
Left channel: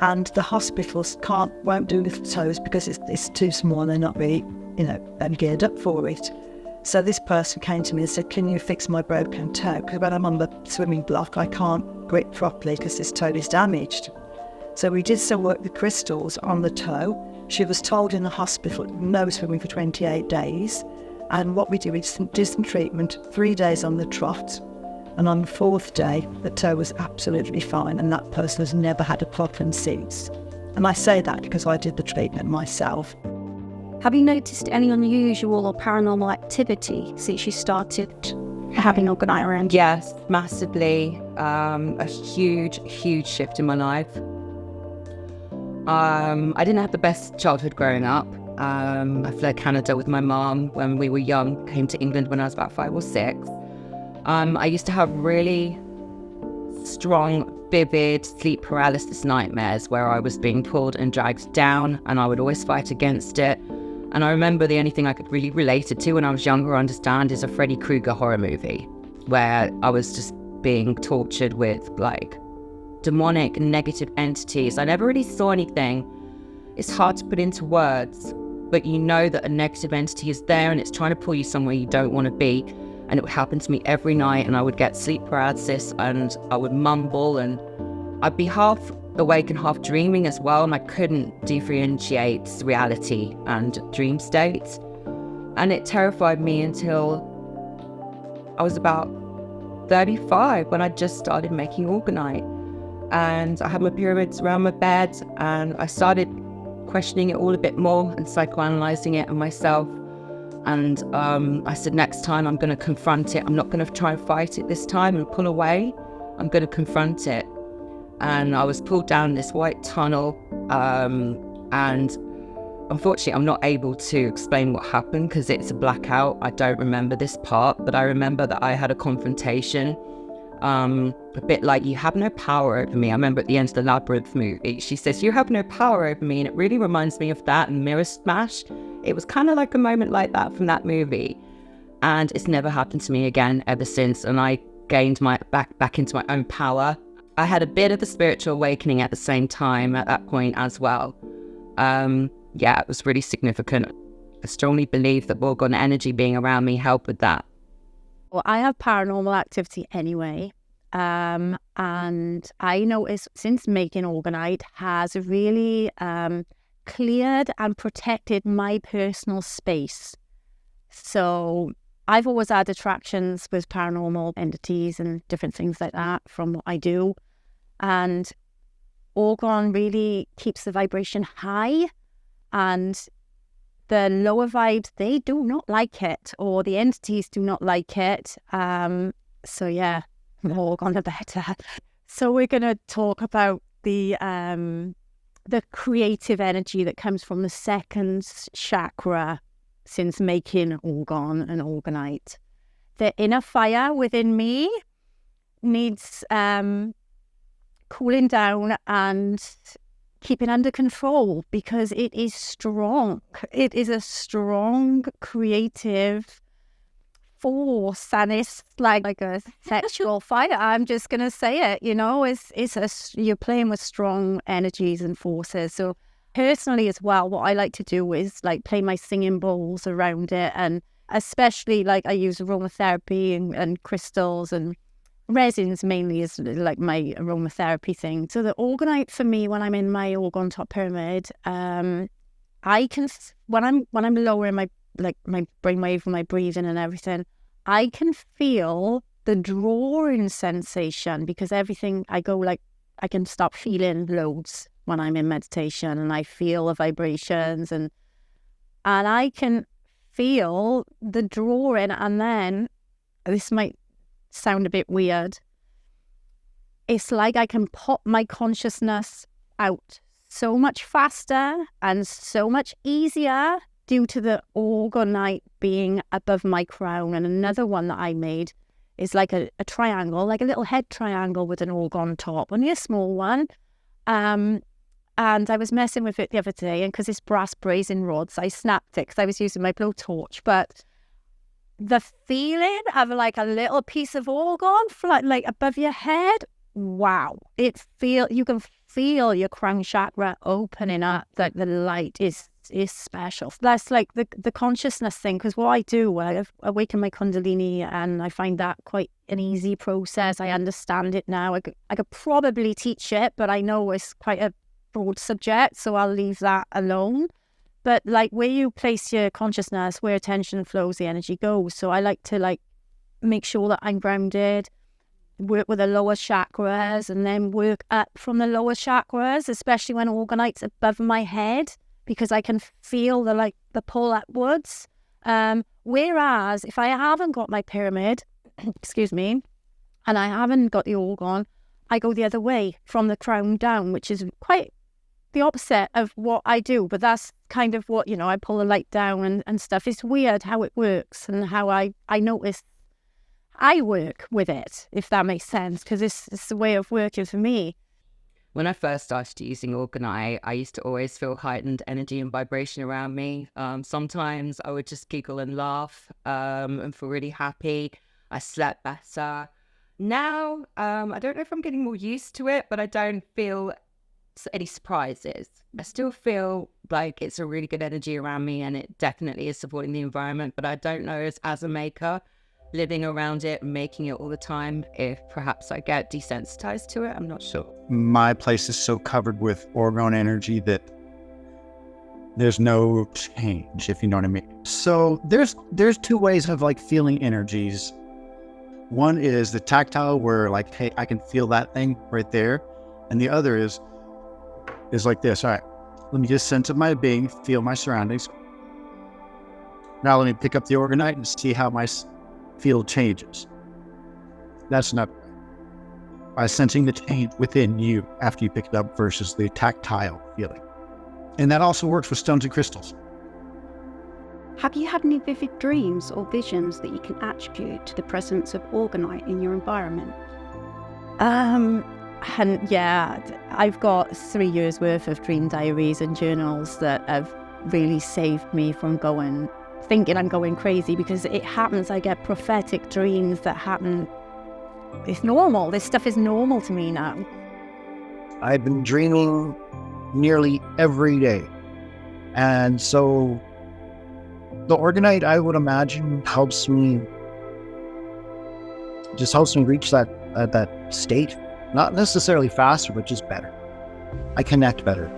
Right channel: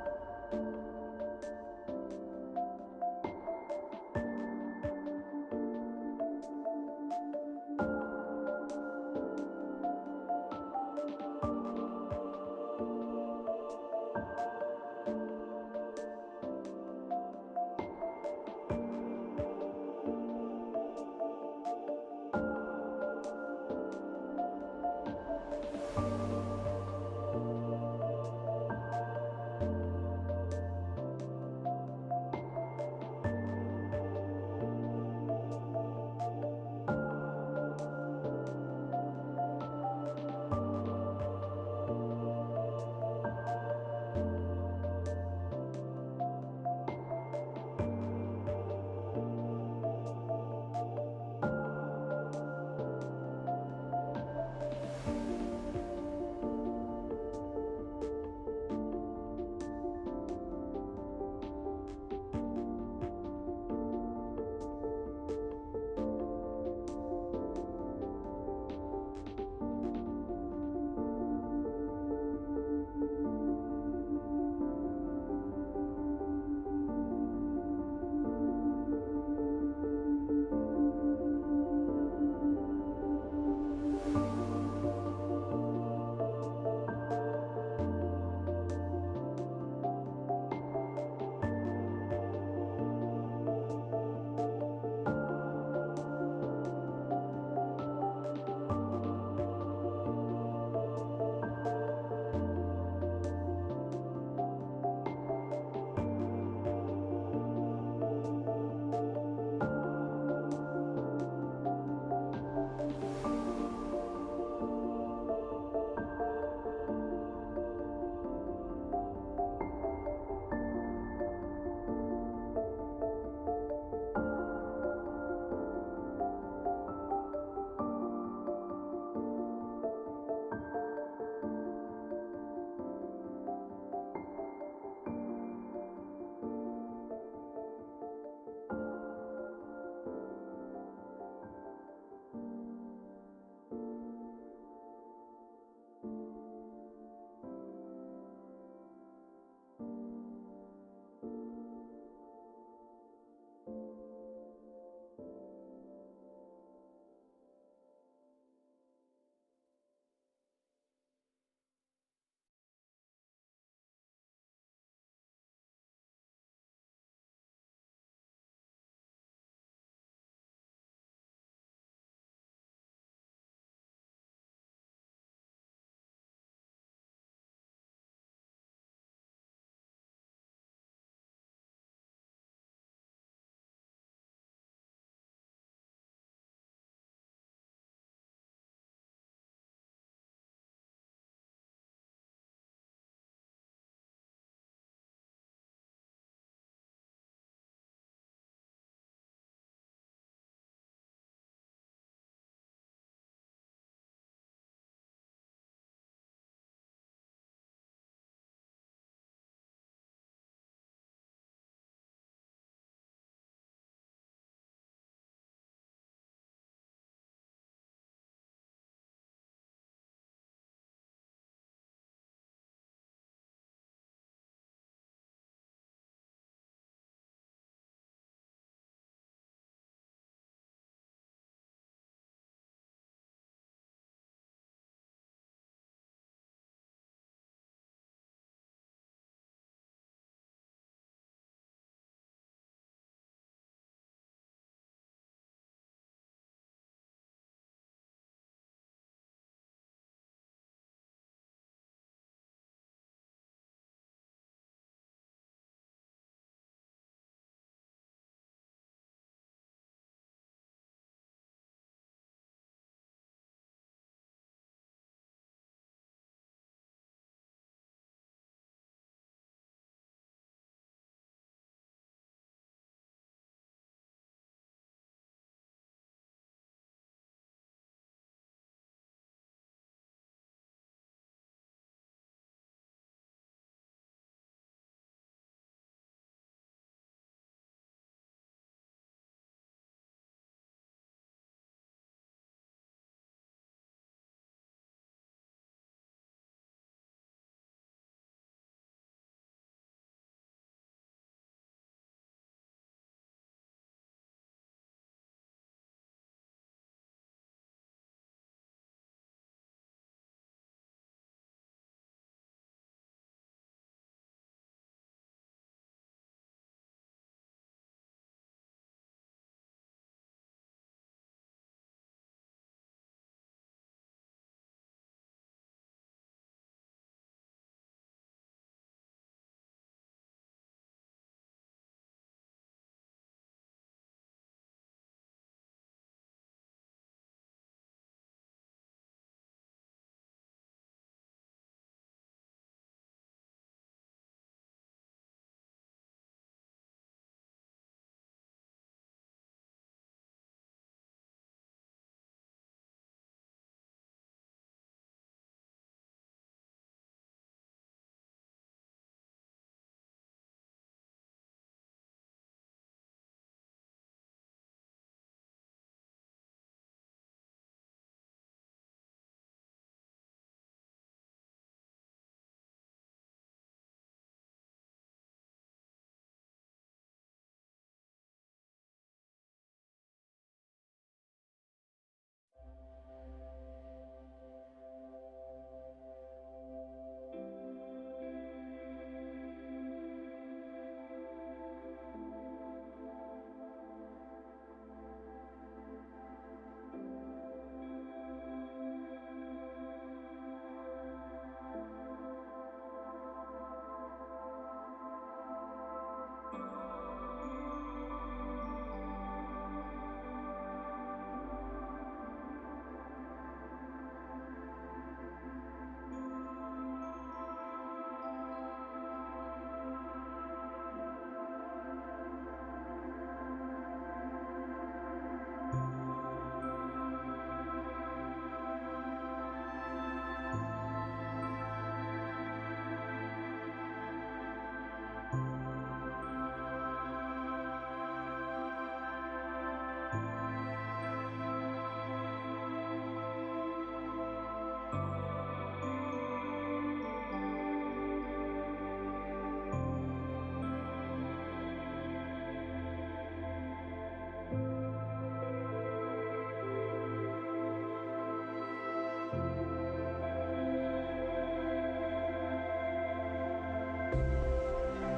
and the hospitals won't do little toes because it's too small and they're not really, geared up for it. So this person came to me and said, "Can you fix my broken toe? Because when I'm on the swimming block, I can't grip properly because this toe is damaged." So we did some work with crystals on the toe. She was told in the hospital, no swimming for 28 days. And what we do is do some treatment, 3 days on the trot. And on the 4th day, the toe was absolutely fine. And that person has never had a problem since. And I say that because I did the treatment myself. Have you noticed any unusual or paranormal activity since you started having Orgonite around? Yes, massively. A huge shift in my life. I didn't have the best childhood growing up. I fled Canada with my mom when we were young, came to England when I was about 5 or 6. I used to have really strong, vivid sleep paralysis nightmares where I was being pulled and dragged down, and I would always fight against it. And I remember the only thing I could really relate it to when I was younger or understand is a Freddy Krueger horror movie where I was just being tortured with like demonic negative entities. I never really saw anything. It's hard to put into words, but you know that a negative entity is there and it's trying to pull you somewhere you don't want to be. And it would happen to me every night, and I would get sleep paralysis and I would mumble, and I'd be half awake and half dreaming as well, and I couldn't differentiate reality and dream states. And it terrified me until I was about 35 when I just started making Orgonite. And I had my pyramids around my bed, and I started questioning it all a bit more and psychoanalyzing it and myself. And I said, next time I'm going to confront it. I'm not going to try and fight it this time and pull away. I'm going to confront it. And I was pulled down this white tunnel. And unfortunately, I'm not able to explain what happened because it's a blackout. I don't remember this part, but I remember that I had a confrontation. A bit like, "You have no power over me." I remember at the end of the Labyrinth movie, she says, "You have no power over me." And it really reminds me of that and Mirror Smash. It was kind of like a moment like that from that movie. And it's never happened to me again ever since. And I gained my back into my own power. I had a bit of a spiritual awakening at the same time at that point as well. Yeah, it was really significant. I strongly believe that Orgone energy being around me helped with that. Well, I have paranormal activity anyway. And I noticed since making Orgonite has really cleared and protected my personal space. So I've always had attractions with paranormal entities and different things like that from what I do. And Orgone really keeps the vibration high, and the lower vibes, they do not like it, or the entities do not like it. So yeah, more Orgone the better. So we're going to talk about the creative energy that comes from the second chakra since making Orgone and Orgonite. The inner fire within me needs cooling down and keeping under control because it is strong. It is a strong creative force, and it's like a sexual fire. I'm just gonna say it, you're playing with strong energies and forces. So personally as well, what I like to do is like play my singing bowls around it, and especially like I use aromatherapy and crystals and resins mainly is like my aromatherapy thing. So the Orgonite for me, when I'm in my Orgone top pyramid, I can when I'm lowering my brainwave, my breathing and everything, I can feel the drawing sensation, because everything I can start feeling loads when I'm in meditation, and I feel the vibrations and I can feel the drawing. And then this might sound a bit weird. It's like I can pop my consciousness out so much faster and so much easier due to the Orgonite being above my crown. And another one that I made is like a triangle, like a little head triangle with an Orgone top, only a small one. And I was messing with it the other day, and because it's brass brazing rods, I snapped it because I was using my blowtorch. But the feeling of like a little piece of Orgone like above your head, wow! You can feel your crown chakra opening up. Like the light is special. That's like the consciousness thing. Because what I do, I awaken my Kundalini, and I find that quite an easy process. I understand it now. I could probably teach it, but I know it's quite a broad subject, so I'll leave that alone. But like where you place your consciousness, where attention flows, the energy goes. So I like to make sure that I'm grounded, work with the lower chakras, and then work up from the lower chakras, especially when Orgonite's above my head, because I can feel the pull upwards. Whereas if I haven't got my pyramid, excuse me, and I haven't got the Orgone, I go the other way from the crown down, which is quite the opposite of what I do. But that's kind of what, I pull the light down and stuff. It's weird how it works and how I notice I work with it, if that makes sense, because it's the way of working for me. When I first started using Orgonite, I used to always feel heightened energy and vibration around me. Sometimes I would just giggle and laugh and feel really happy. I slept better. Now, I don't know if I'm getting more used to it, but I don't feel any surprises. I still feel like it's a really good energy around me, and it definitely is supporting the environment. But I don't know, as a maker, living around it, making it all the time, if perhaps I get desensitized to it. I'm not sure. My place is so covered with Orgone energy that there's no change, if you know what I mean. So there's two ways of feeling energies. One is the tactile, where hey, I can feel that thing right there. And the other is like this. All right, let me just sense of my being, feel my surroundings. Now let me pick up the Orgonite and see how my field changes. That's not by sensing the change within you after you pick it up versus the tactile feeling. And that also works with stones and crystals. Have you had any vivid dreams or visions that you can attribute to the presence of Orgonite in your environment? And yeah, I've got 3 years worth of dream diaries and journals that have really saved me from thinking I'm going crazy, because it happens. I get prophetic dreams that happen. It's normal. This stuff is normal to me now. I've been dreaming nearly every day. And so the Orgonite, I would imagine, helps me reach that state. Not necessarily faster, but just better. I connect better.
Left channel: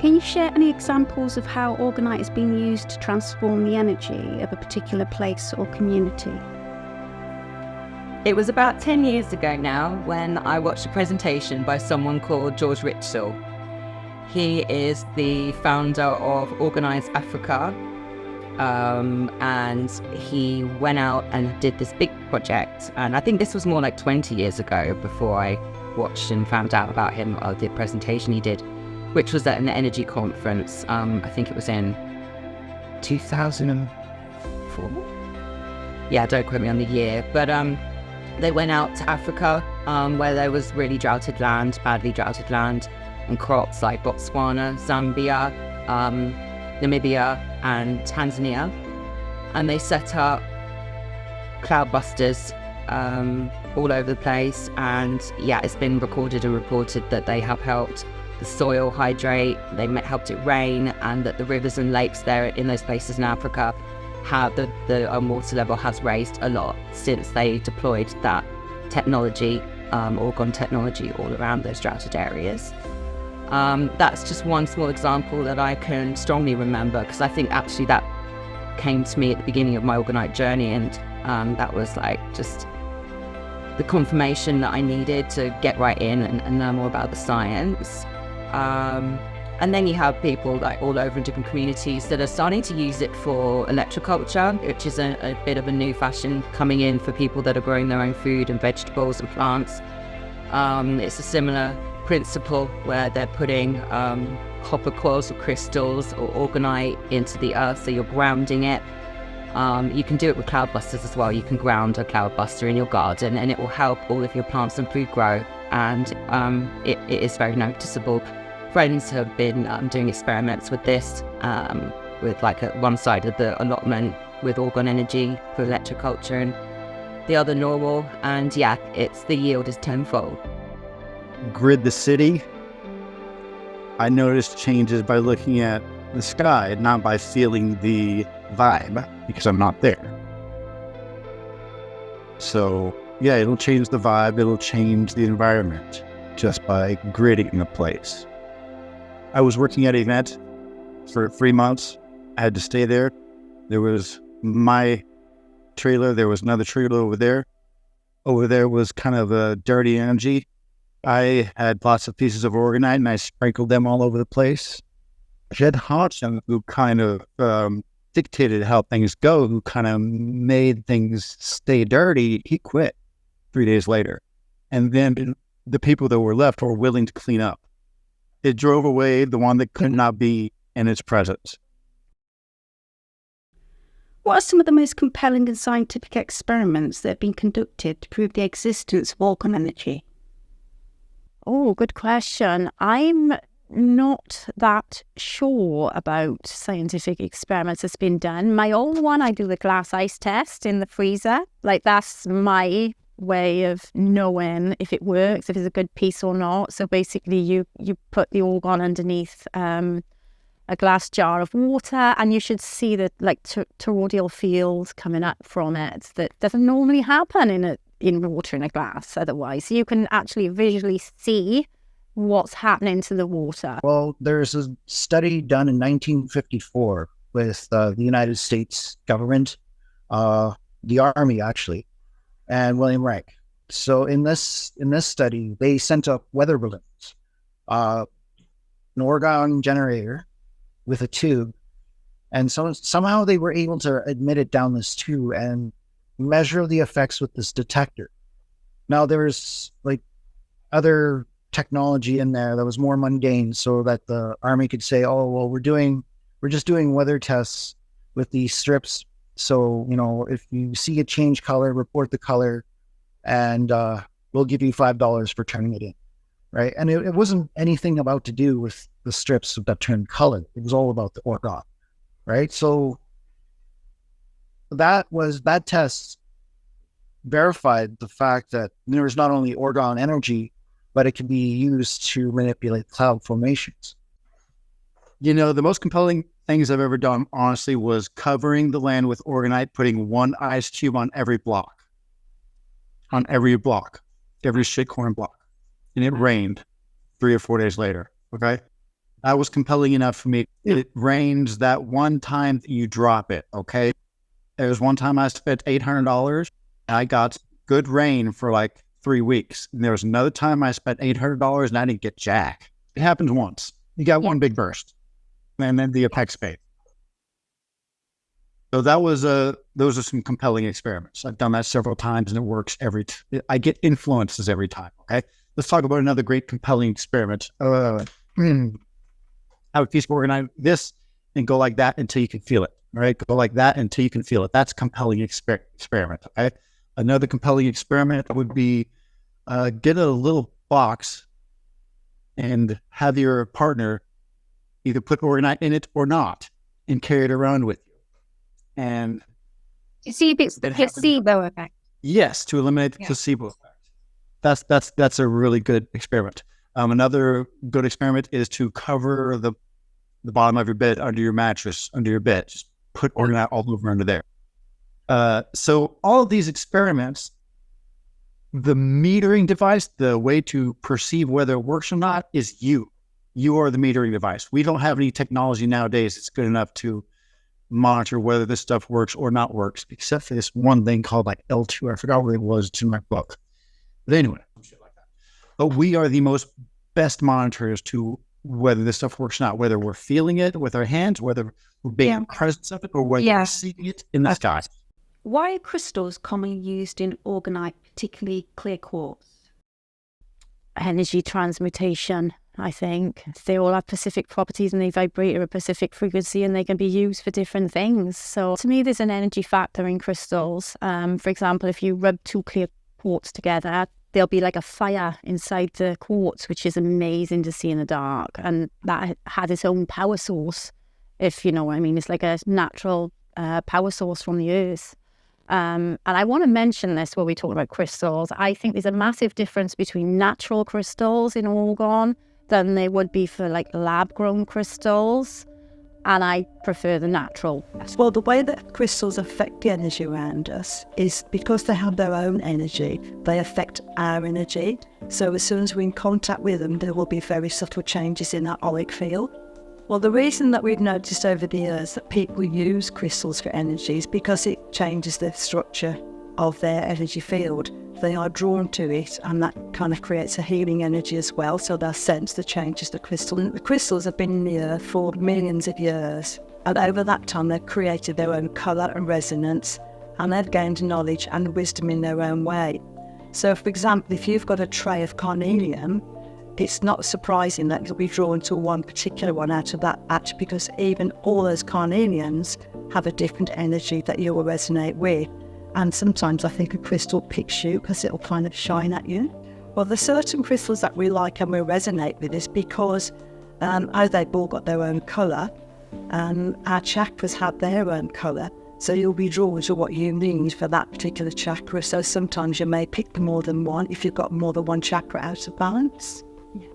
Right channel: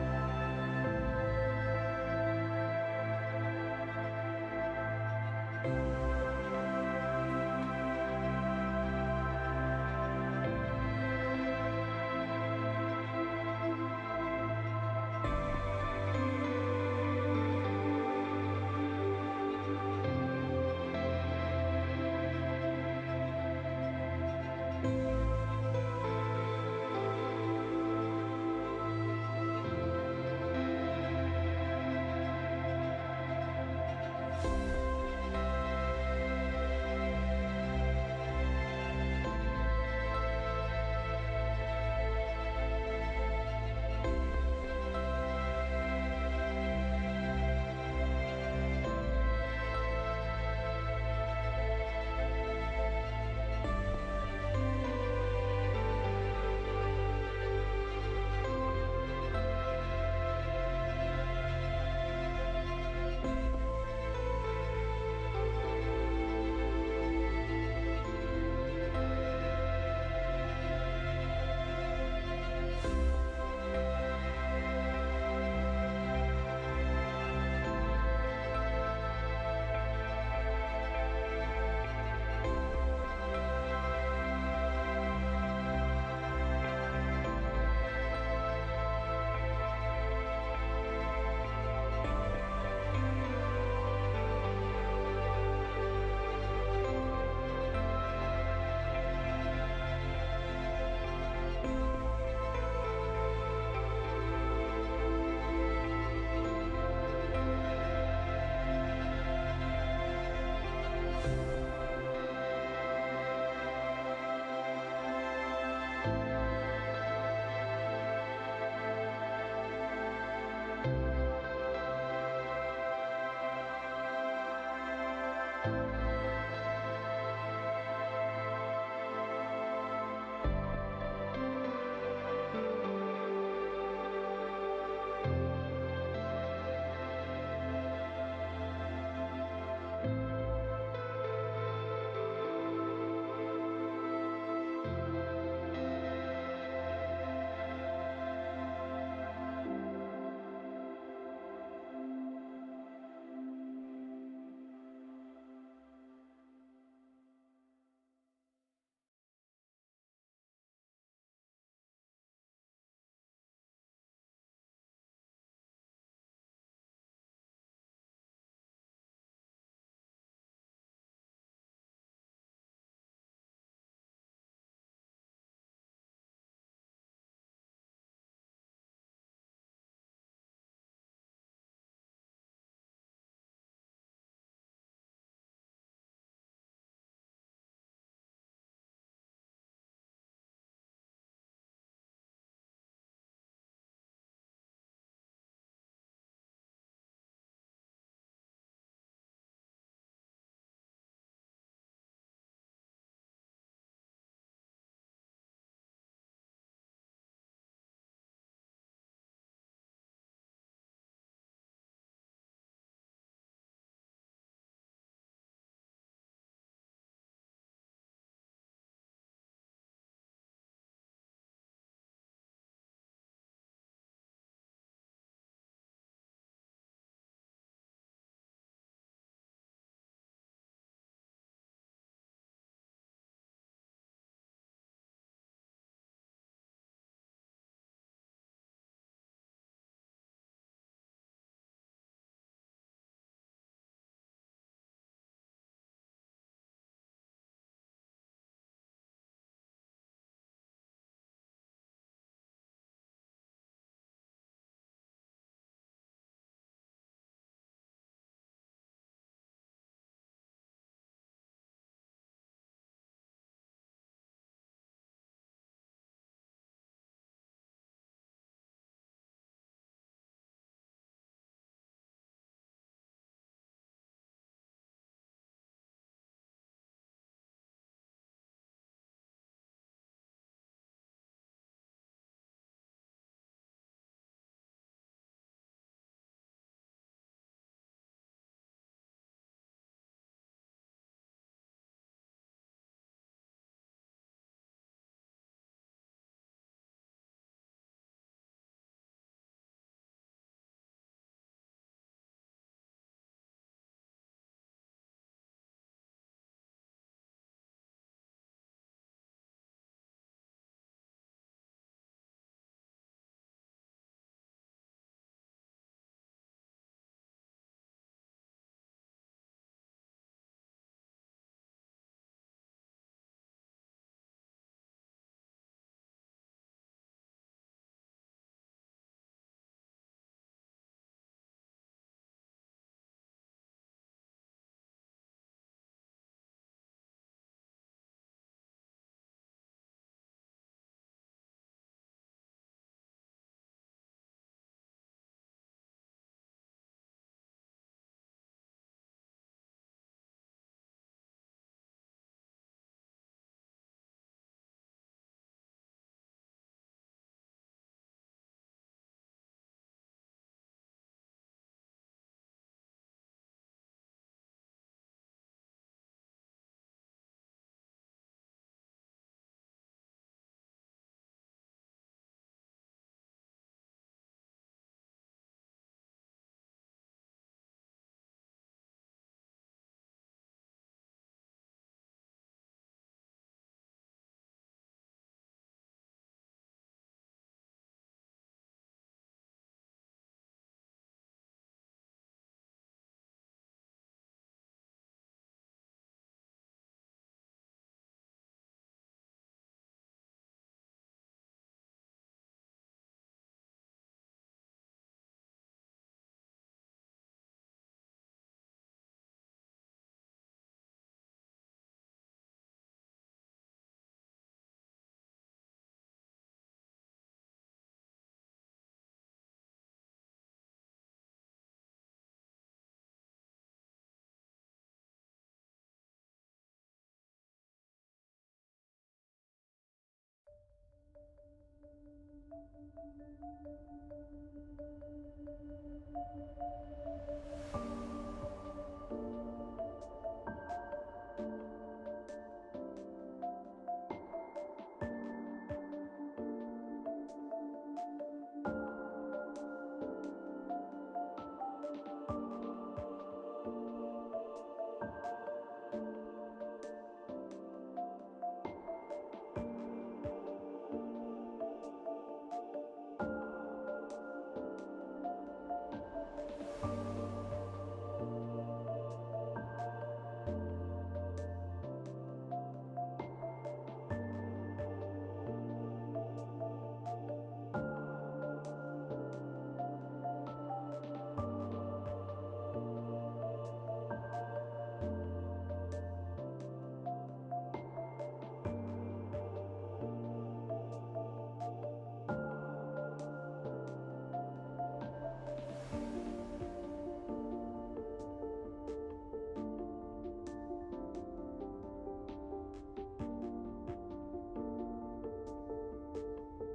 Can you share any examples of how Orgonite is being used to transform the energy of a particular place or community? It was about 10 years ago now when I watched a presentation by someone called George Ritchell. He is the founder of Organize Africa, and he went out and did this big project. And I think this was more like 20 years ago before I watched and found out about him, the presentation he did, which was at an energy conference. I think it was in 2004. Yeah, don't quote me on the year, but they went out to Africa, where there was really badly droughted land, and crops like Botswana, Zambia, Namibia, and Tanzania. And they set up cloudbusters all over the place. And yeah, it's been recorded and reported that they have helped the soil hydrate, they helped it rain, and that the rivers and lakes there in those places in Africa the water level has raised a lot since they deployed that technology, Orgone technology, all around those droughted areas. That's just one small example that I can strongly remember, because I think actually that came to me at the beginning of my Orgonite journey, and that was like just the confirmation that I needed to get right in and learn more about the science. And then you have people like all over in different communities that are starting to use it for electroculture, which is a bit of a new fashion coming in for people that are growing their own food and vegetables and plants. It's a similar principle where they're putting copper coils or crystals or orgonite into the earth, so you're grounding it. You can do it with cloudbusters as well. You can ground a cloudbuster in your garden and it will help all of your plants and food grow, and it is very noticeable. Friends have been doing experiments with this, with like one side of the allotment with Orgone energy for electroculture and the other normal, and yeah, the yield is tenfold. Grid the city, I noticed changes by looking at the sky, not by feeling the vibe, because I'm not there. So yeah, it'll change the vibe, it'll change the environment just by gridding the place. I was working at an event for 3 months. I had to stay there. There was my trailer, there was another trailer over there. Over there was kind of a dirty energy. I had lots of pieces of Orgonite and I sprinkled them all over the place. Jed Hodgson, who kind of dictated how things go, who kind of made things stay dirty, he quit 3 days later. And then the people that were left were willing to clean up. It drove away the one that could not be in its presence. What are some of the most compelling and scientific experiments that have been conducted to prove the existence of Orgone energy? Oh, good question. I'm not that sure about scientific experiments that's been done. My own one, I do the glass ice test in the freezer. Like, that's my way of knowing if it works, if it's a good piece or not. So basically you put the Orgone underneath a glass jar of water, and you should see the like toroidal field coming up from it that doesn't normally happen in water in a glass otherwise. So you can actually visually see what's happening to the water. Well, there's a study done in 1954 with the United States government, the Army actually, and William Reich. So in this study, they sent up weather balloons, an Orgone generator with a tube, and somehow they were able to admit it down this tube and measure the effects with this detector. Now there's like other technology in there that was more mundane, so that the Army could say, "Oh, well, we're just doing weather tests with these strips. So, you know, if you see it change color, report the color, and we'll give you $5 for turning it in," right? And it wasn't anything about to do with the strips that turned color. It was all about the Orgone, right? So that test verified the fact that there is not only Orgone energy, but it can be used to manipulate cloud formations. You know, the most compelling things I've ever done, honestly, was covering the land with Orgonite, putting one ice cube on every block, every shitcoin block. And it rained 3 or 4 days later, okay? That was compelling enough for me. It rains that one time that you drop it, okay? There was one time I spent $800 and I got good rain for like 3 weeks. And there was another time I spent $800 and I didn't get jack. It happens once. You got one big burst. And then the apex fade. So those are some compelling experiments. I've done that several times and it works I get influences every time. Okay. Let's talk about another great compelling experiment. Have a piece of Orgonite this and go like that until you can feel it. All right. Go like that until you can feel it. That's compelling experiment. Okay. Another compelling experiment would be get a little box and have your partner either put Orgonite in it or not, and carry it around with you. And To see if it's the placebo effect. yes, to eliminate the placebo effect. That's a really good experiment. Another good experiment is to cover the bottom of your bed under your mattress, under your bed. Just put Orgonite all over under there. So all of these experiments, the metering device, the way to perceive whether it works or not is you. You are the metering device. We don't have any technology nowadays that's good enough to monitor whether this stuff works or not works, except for this one thing called like L2. I forgot what it was. It's in my book. But anyway, but we are the best monitors to whether this stuff works or not, whether we're feeling it with our hands, whether we're being present of it, or whether we're seeing it in the sky. Why are crystals commonly used in Orgonite, particularly clear quartz? Energy transmutation, I think. They all have specific properties and they vibrate at a specific frequency and they can be used for different things. So to me, there's an energy factor in crystals. For example, if you rub two clear quartz together, there'll be like a fire inside the quartz, which is amazing to see in the dark. And that has its own power source, if you know what I mean. It's like a natural power source from the earth. And I want to mention this while we talk about crystals. I think there's a massive difference between natural crystals in Orgone than there would be for like lab-grown crystals. And I prefer the natural. Well, the way that crystals affect the energy around us is because they have their own energy, they affect our energy. So as soon as we're in contact with them, there will be very subtle changes in that auric field. Well, the reason that we've noticed over the years that people use crystals for energy is because it changes the structure of their energy field. They are drawn to it, and that kind of creates a healing energy as well. So they'll sense the changes the crystal. And the crystals have been in the earth for millions of years. And over that time, they've created their own colour and resonance, and they've gained knowledge and wisdom in their own way. So, for example, if you've got a tray of carnelian, it's not surprising that you'll be drawn to one particular one out of that batch, because even all those carnelians have a different energy that you will resonate with. And sometimes I think a crystal picks you because it'll kind of shine at you. Well, there's certain crystals that we like and we resonate with is because as they've all got their own colour, our chakras have their own colour. So you'll be drawn to what you need for that particular chakra. So sometimes you may pick more than one if you've got more than one chakra out of balance.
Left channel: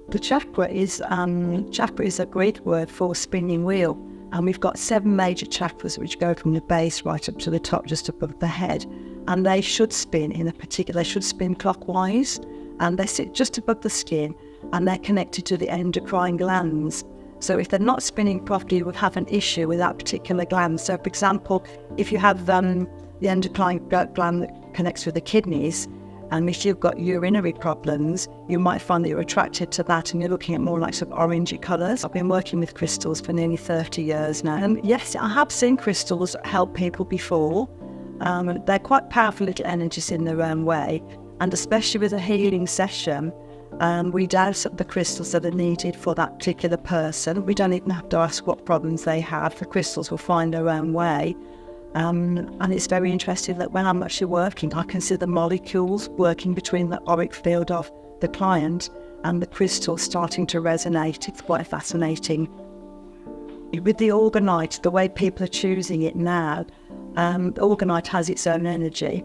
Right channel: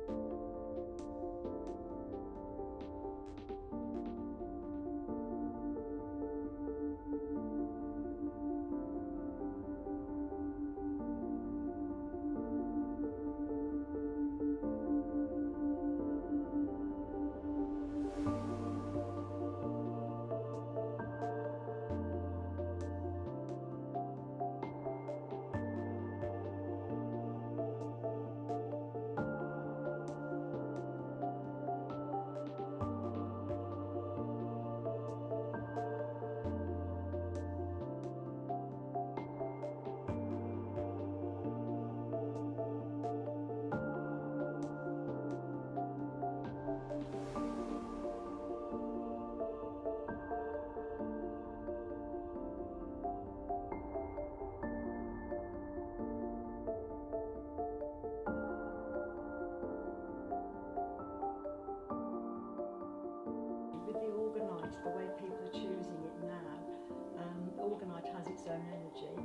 The chakra is a Greek word for spinning wheel. And we've got 7 major chakras which go from the base right up to the top, just above the head. And they should spin they should spin clockwise. And they sit just above the skin, and they're connected to the endocrine glands. So if they're not spinning properly, you would have an issue with that particular gland. So for example, if you have the endocrine gland that connects with the kidneys, and if you've got urinary problems, you might find that you're attracted to that and you're looking at more like some orangey colours. I've been working with crystals for nearly 30 years now. And yes, I have seen crystals help people before. They're quite powerful little energies in their own way. And especially with a healing session, we dose up the crystals that are needed for that particular person. We don't even have to ask what problems they have. The crystals will find their own way. And it's very interesting that when I'm actually working, I can see the molecules working between the auric field of the client and the crystal starting to resonate. It's quite fascinating. With the Orgonite, the way people are choosing it now, the Orgonite has its own energy.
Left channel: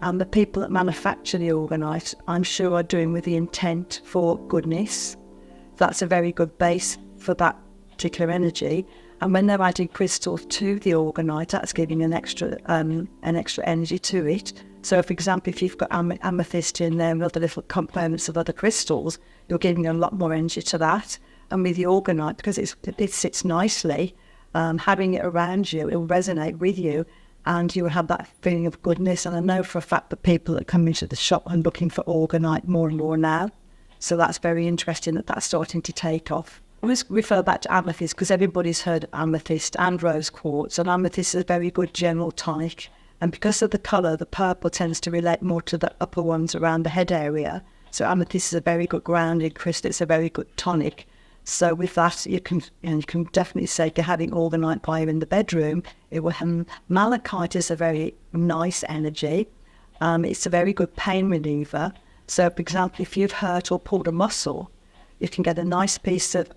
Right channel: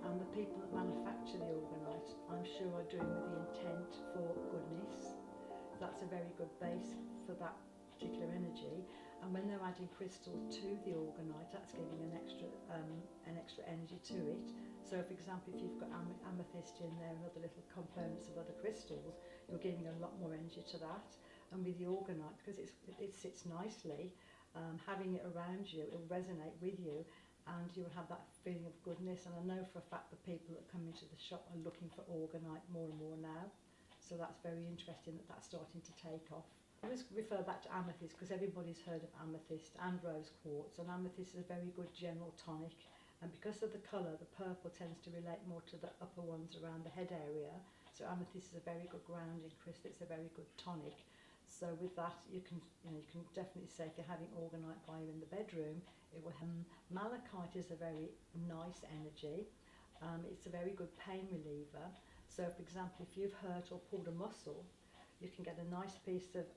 And the people that manufacture the Orgonite, I'm sure, are doing with the intent for goodness. That's a very good base for that particular energy. And when they're adding crystals to the Orgonite, that's giving an extra energy to it. So, for example, if you've got amethyst in there and other little components of other crystals, you're giving a lot more energy to that. And with the Orgonite, because it sits nicely, having it around you, it will resonate with you, and you will have that feeling of goodness. And I know for a fact that people that come into the shop are looking for Orgonite more and more now. So that's very interesting that that's starting to take off. I always refer back to amethyst because everybody's heard amethyst and rose quartz, and amethyst is a very good general tonic. And because of the colour, the purple tends to relate more to the upper ones around the head area. So amethyst is a very good grounding crystal. It's a very good tonic. So with that, you can definitely say you're having Orgonite by you in the bedroom. It will have malachite is a very nice energy. It's a very good pain reliever. So, for example, if you've hurt or pulled a muscle, you can get a nice piece of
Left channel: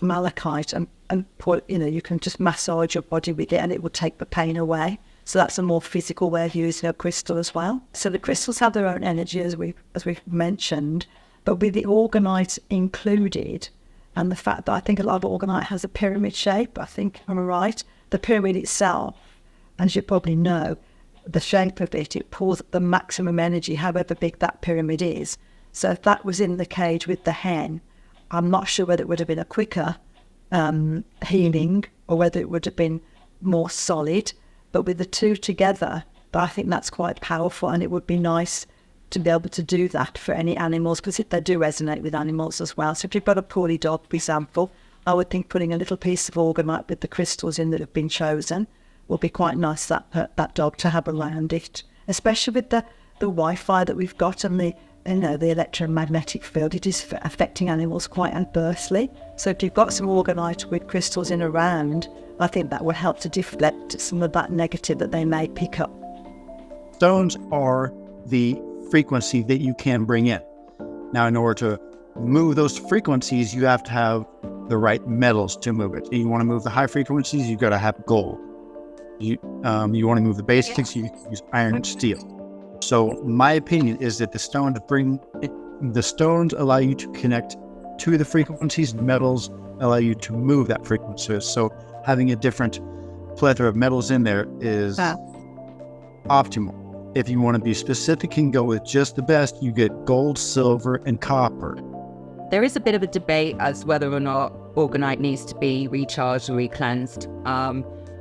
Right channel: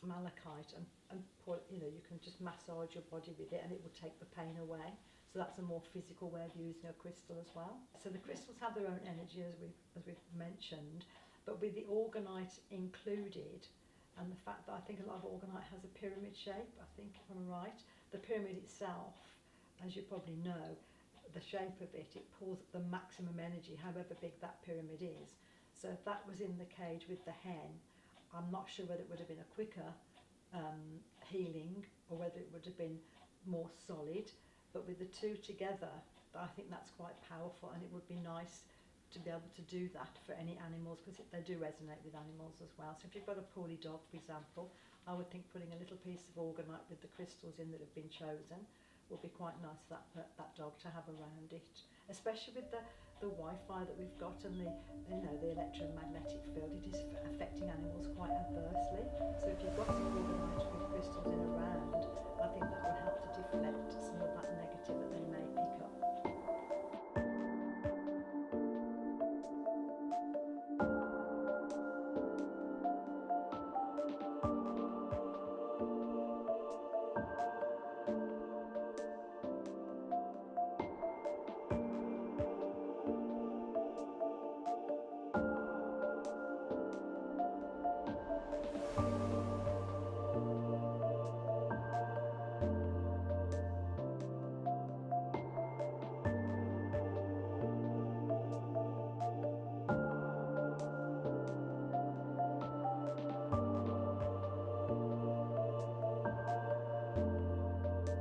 malachite and put, you can just massage your body with it and it will take the pain away. So that's a more physical way of using a crystal as well. So the crystals have their own energy, as we've mentioned, but with the Orgonite included, and the fact that I think a lot of Orgonite has a pyramid shape, I think I'm right, the pyramid itself, as you probably know, the shape of it, it pulls up the maximum energy, however big that pyramid is. So if that was in the cage with the hen, I'm not sure whether it would have been a quicker healing or whether it would have been more solid. But with the two together, I think that's quite powerful, and it would be nice to be able to do that for any animals, because they do resonate with animals as well. So if you've got a poorly dog, for example, I would think putting a little piece of Orgonite with the crystals in that have been chosen will be quite nice that dog to have around it, especially with the Wi-Fi that we've got and the electromagnetic field. It is affecting animals quite adversely. So if you've got some Orgonite with crystals in around, I think that will help to deflect some of that negative that they may pick up. Stones are the frequency that you can bring in. Now, in order to move those frequencies, you have to have the right metals to move it. You want to move the high frequencies, you've got to have gold. You want to move the basics, you use iron and steel. So my opinion is that the stones allow you to connect to the frequencies, metals allow you to move that frequency. So having a different plethora of metals in there is optimal. If you want to be specific and go with just the best, you get gold, silver, and copper. There is a bit of a debate as whether or not Orgonite needs to be recharged or re-cleansed.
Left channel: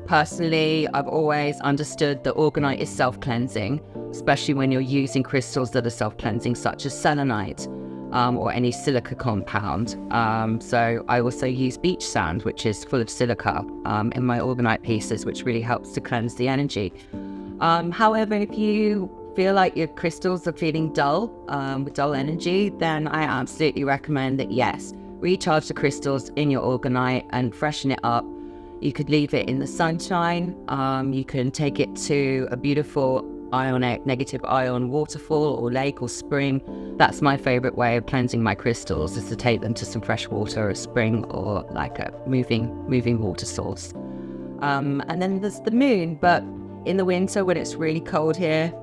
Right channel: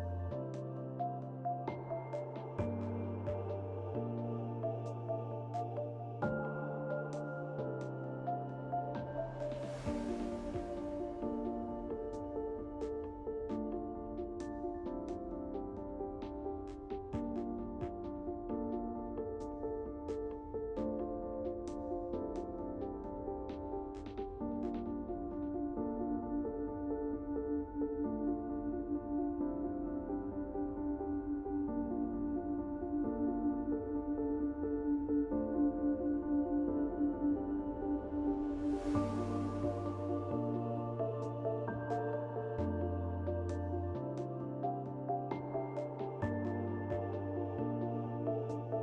Personally, I've always understood that Orgonite is self-cleansing, especially when you're using crystals that are self-cleansing, such as selenite or any silica compound. So I also use beach sand, which is full of silica, in my Orgonite pieces, which really helps to cleanse the energy. However, if you feel like your crystals are feeling dull, with dull energy, then I absolutely recommend that, yes, recharge the crystals in your Orgonite and freshen it up. You could leave it in the sunshine. You can take it to a beautiful ionic, negative ion waterfall or lake or spring. That's my favorite way of cleansing my crystals, is to take them to some fresh water, a spring, or like a moving water source. And then there's the moon, but in the winter when it's really cold here,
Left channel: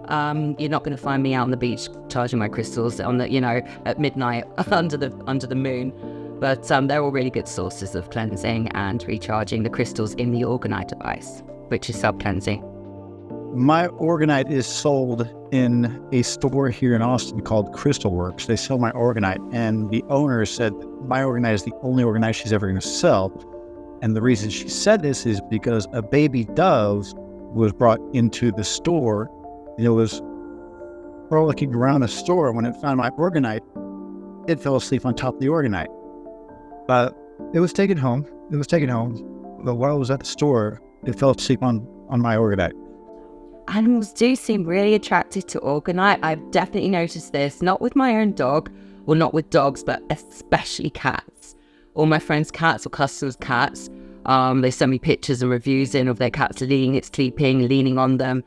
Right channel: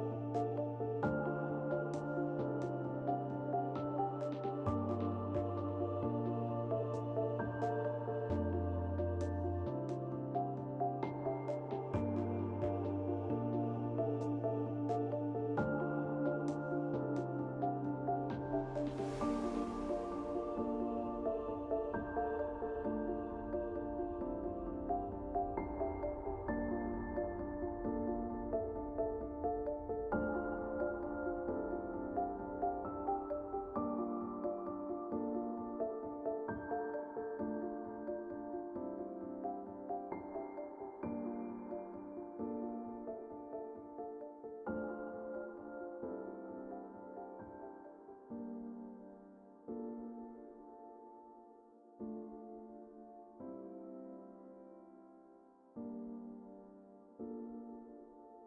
you're not going to find me out on the beach charging my crystals on the, at midnight under the moon. But they're all really good sources of cleansing and recharging the crystals in the Orgonite device, which is self-cleansing. My Orgonite is sold in a store here in Austin called Crystal Works. They sell my Orgonite, and the owner said my Orgonite is the only Orgonite she's ever going to sell. And the reason she said this is because a baby dove was brought into the store. It was frolicking around the store. When it found my Orgonite, it fell asleep on top of the Orgonite. But it was taken home. But while it was at the store, it fell asleep on my Orgonite. Animals do seem really attracted to Orgonite. I've definitely noticed this, not with my own dog, or not with dogs, but especially cats. All my friends' cats or customers' cats, they send me pictures and reviews in of their cats sleeping, leaning on them.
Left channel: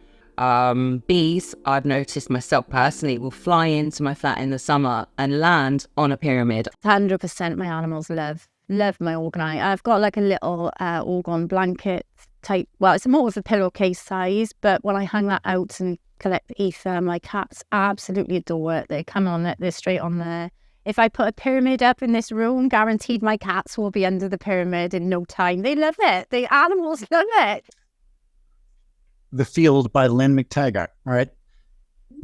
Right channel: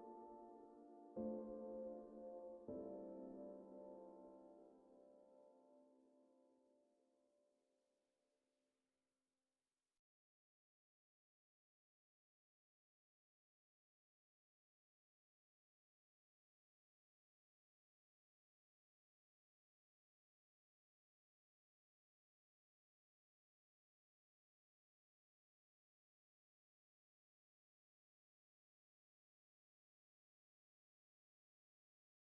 Bees, I've noticed myself personally, will fly into my flat in the summer and land on a pyramid. 100% my animals love my Orgonite. I've got like a little Orgone blanket type. Well, it's more of a pillowcase size, but when I hang that out and collect the ether, my cats absolutely adore it. They come on it, they're straight on there. If I put a pyramid up in this room, guaranteed my cats will be under the pyramid in no time. They love it. The animals love it. The Field by Lynn McTaggart. All right.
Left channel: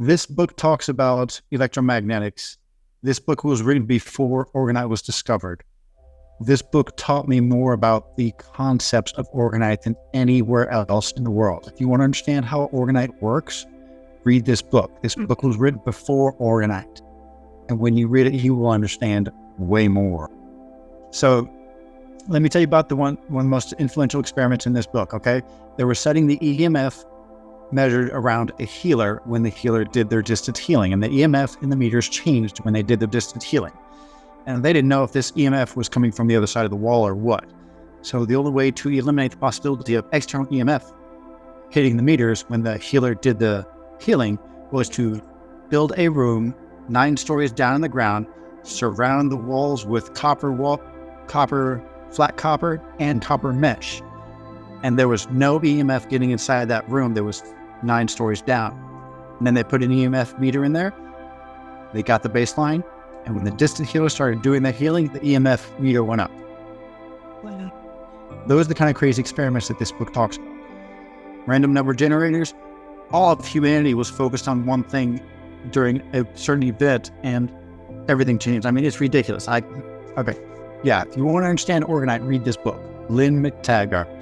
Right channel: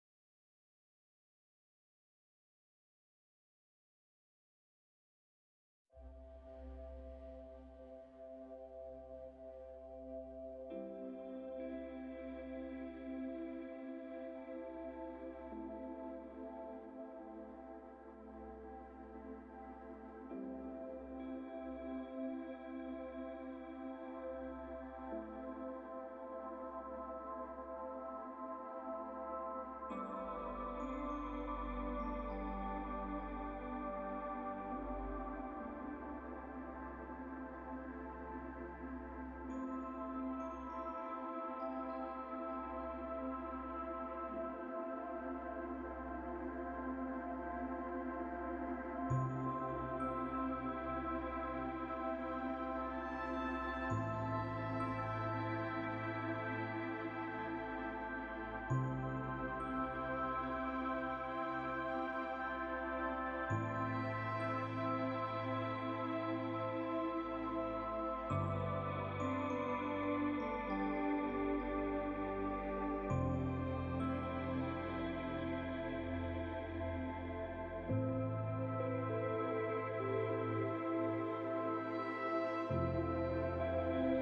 This book talks about electromagnetics. This book was written before Orgonite was discovered. This book taught me more about the concepts of Orgonite than anywhere else in the world. If you want to understand how Orgonite works, read this book. This book was written before Orgonite. And when you read it, you will understand way more. So let me tell you about one of the most influential experiments in this book, okay? They were setting the EMF measured around a healer when the healer did their distance healing. And the EMF in the meters changed when they did the distance healing. And they didn't know if this EMF was coming from the other side of the wall or what. So the only way to eliminate the possibility of external EMF hitting the meters when the healer did the healing was to build a room 9 stories down in the ground, surround the walls with flat copper, and copper mesh. And there was no EMF getting inside that room. There was 9 stories down. And then they put an EMF meter in there. They got the baseline. And when the distant healer started doing the healing, the EMF meter went up. Those are the kind of crazy experiments that this book talks about. Random number generators, all of humanity was focused on one thing during a certain event and everything changed. I mean, it's ridiculous. If you want to understand Orgonite, read this book. Lynn McTaggart.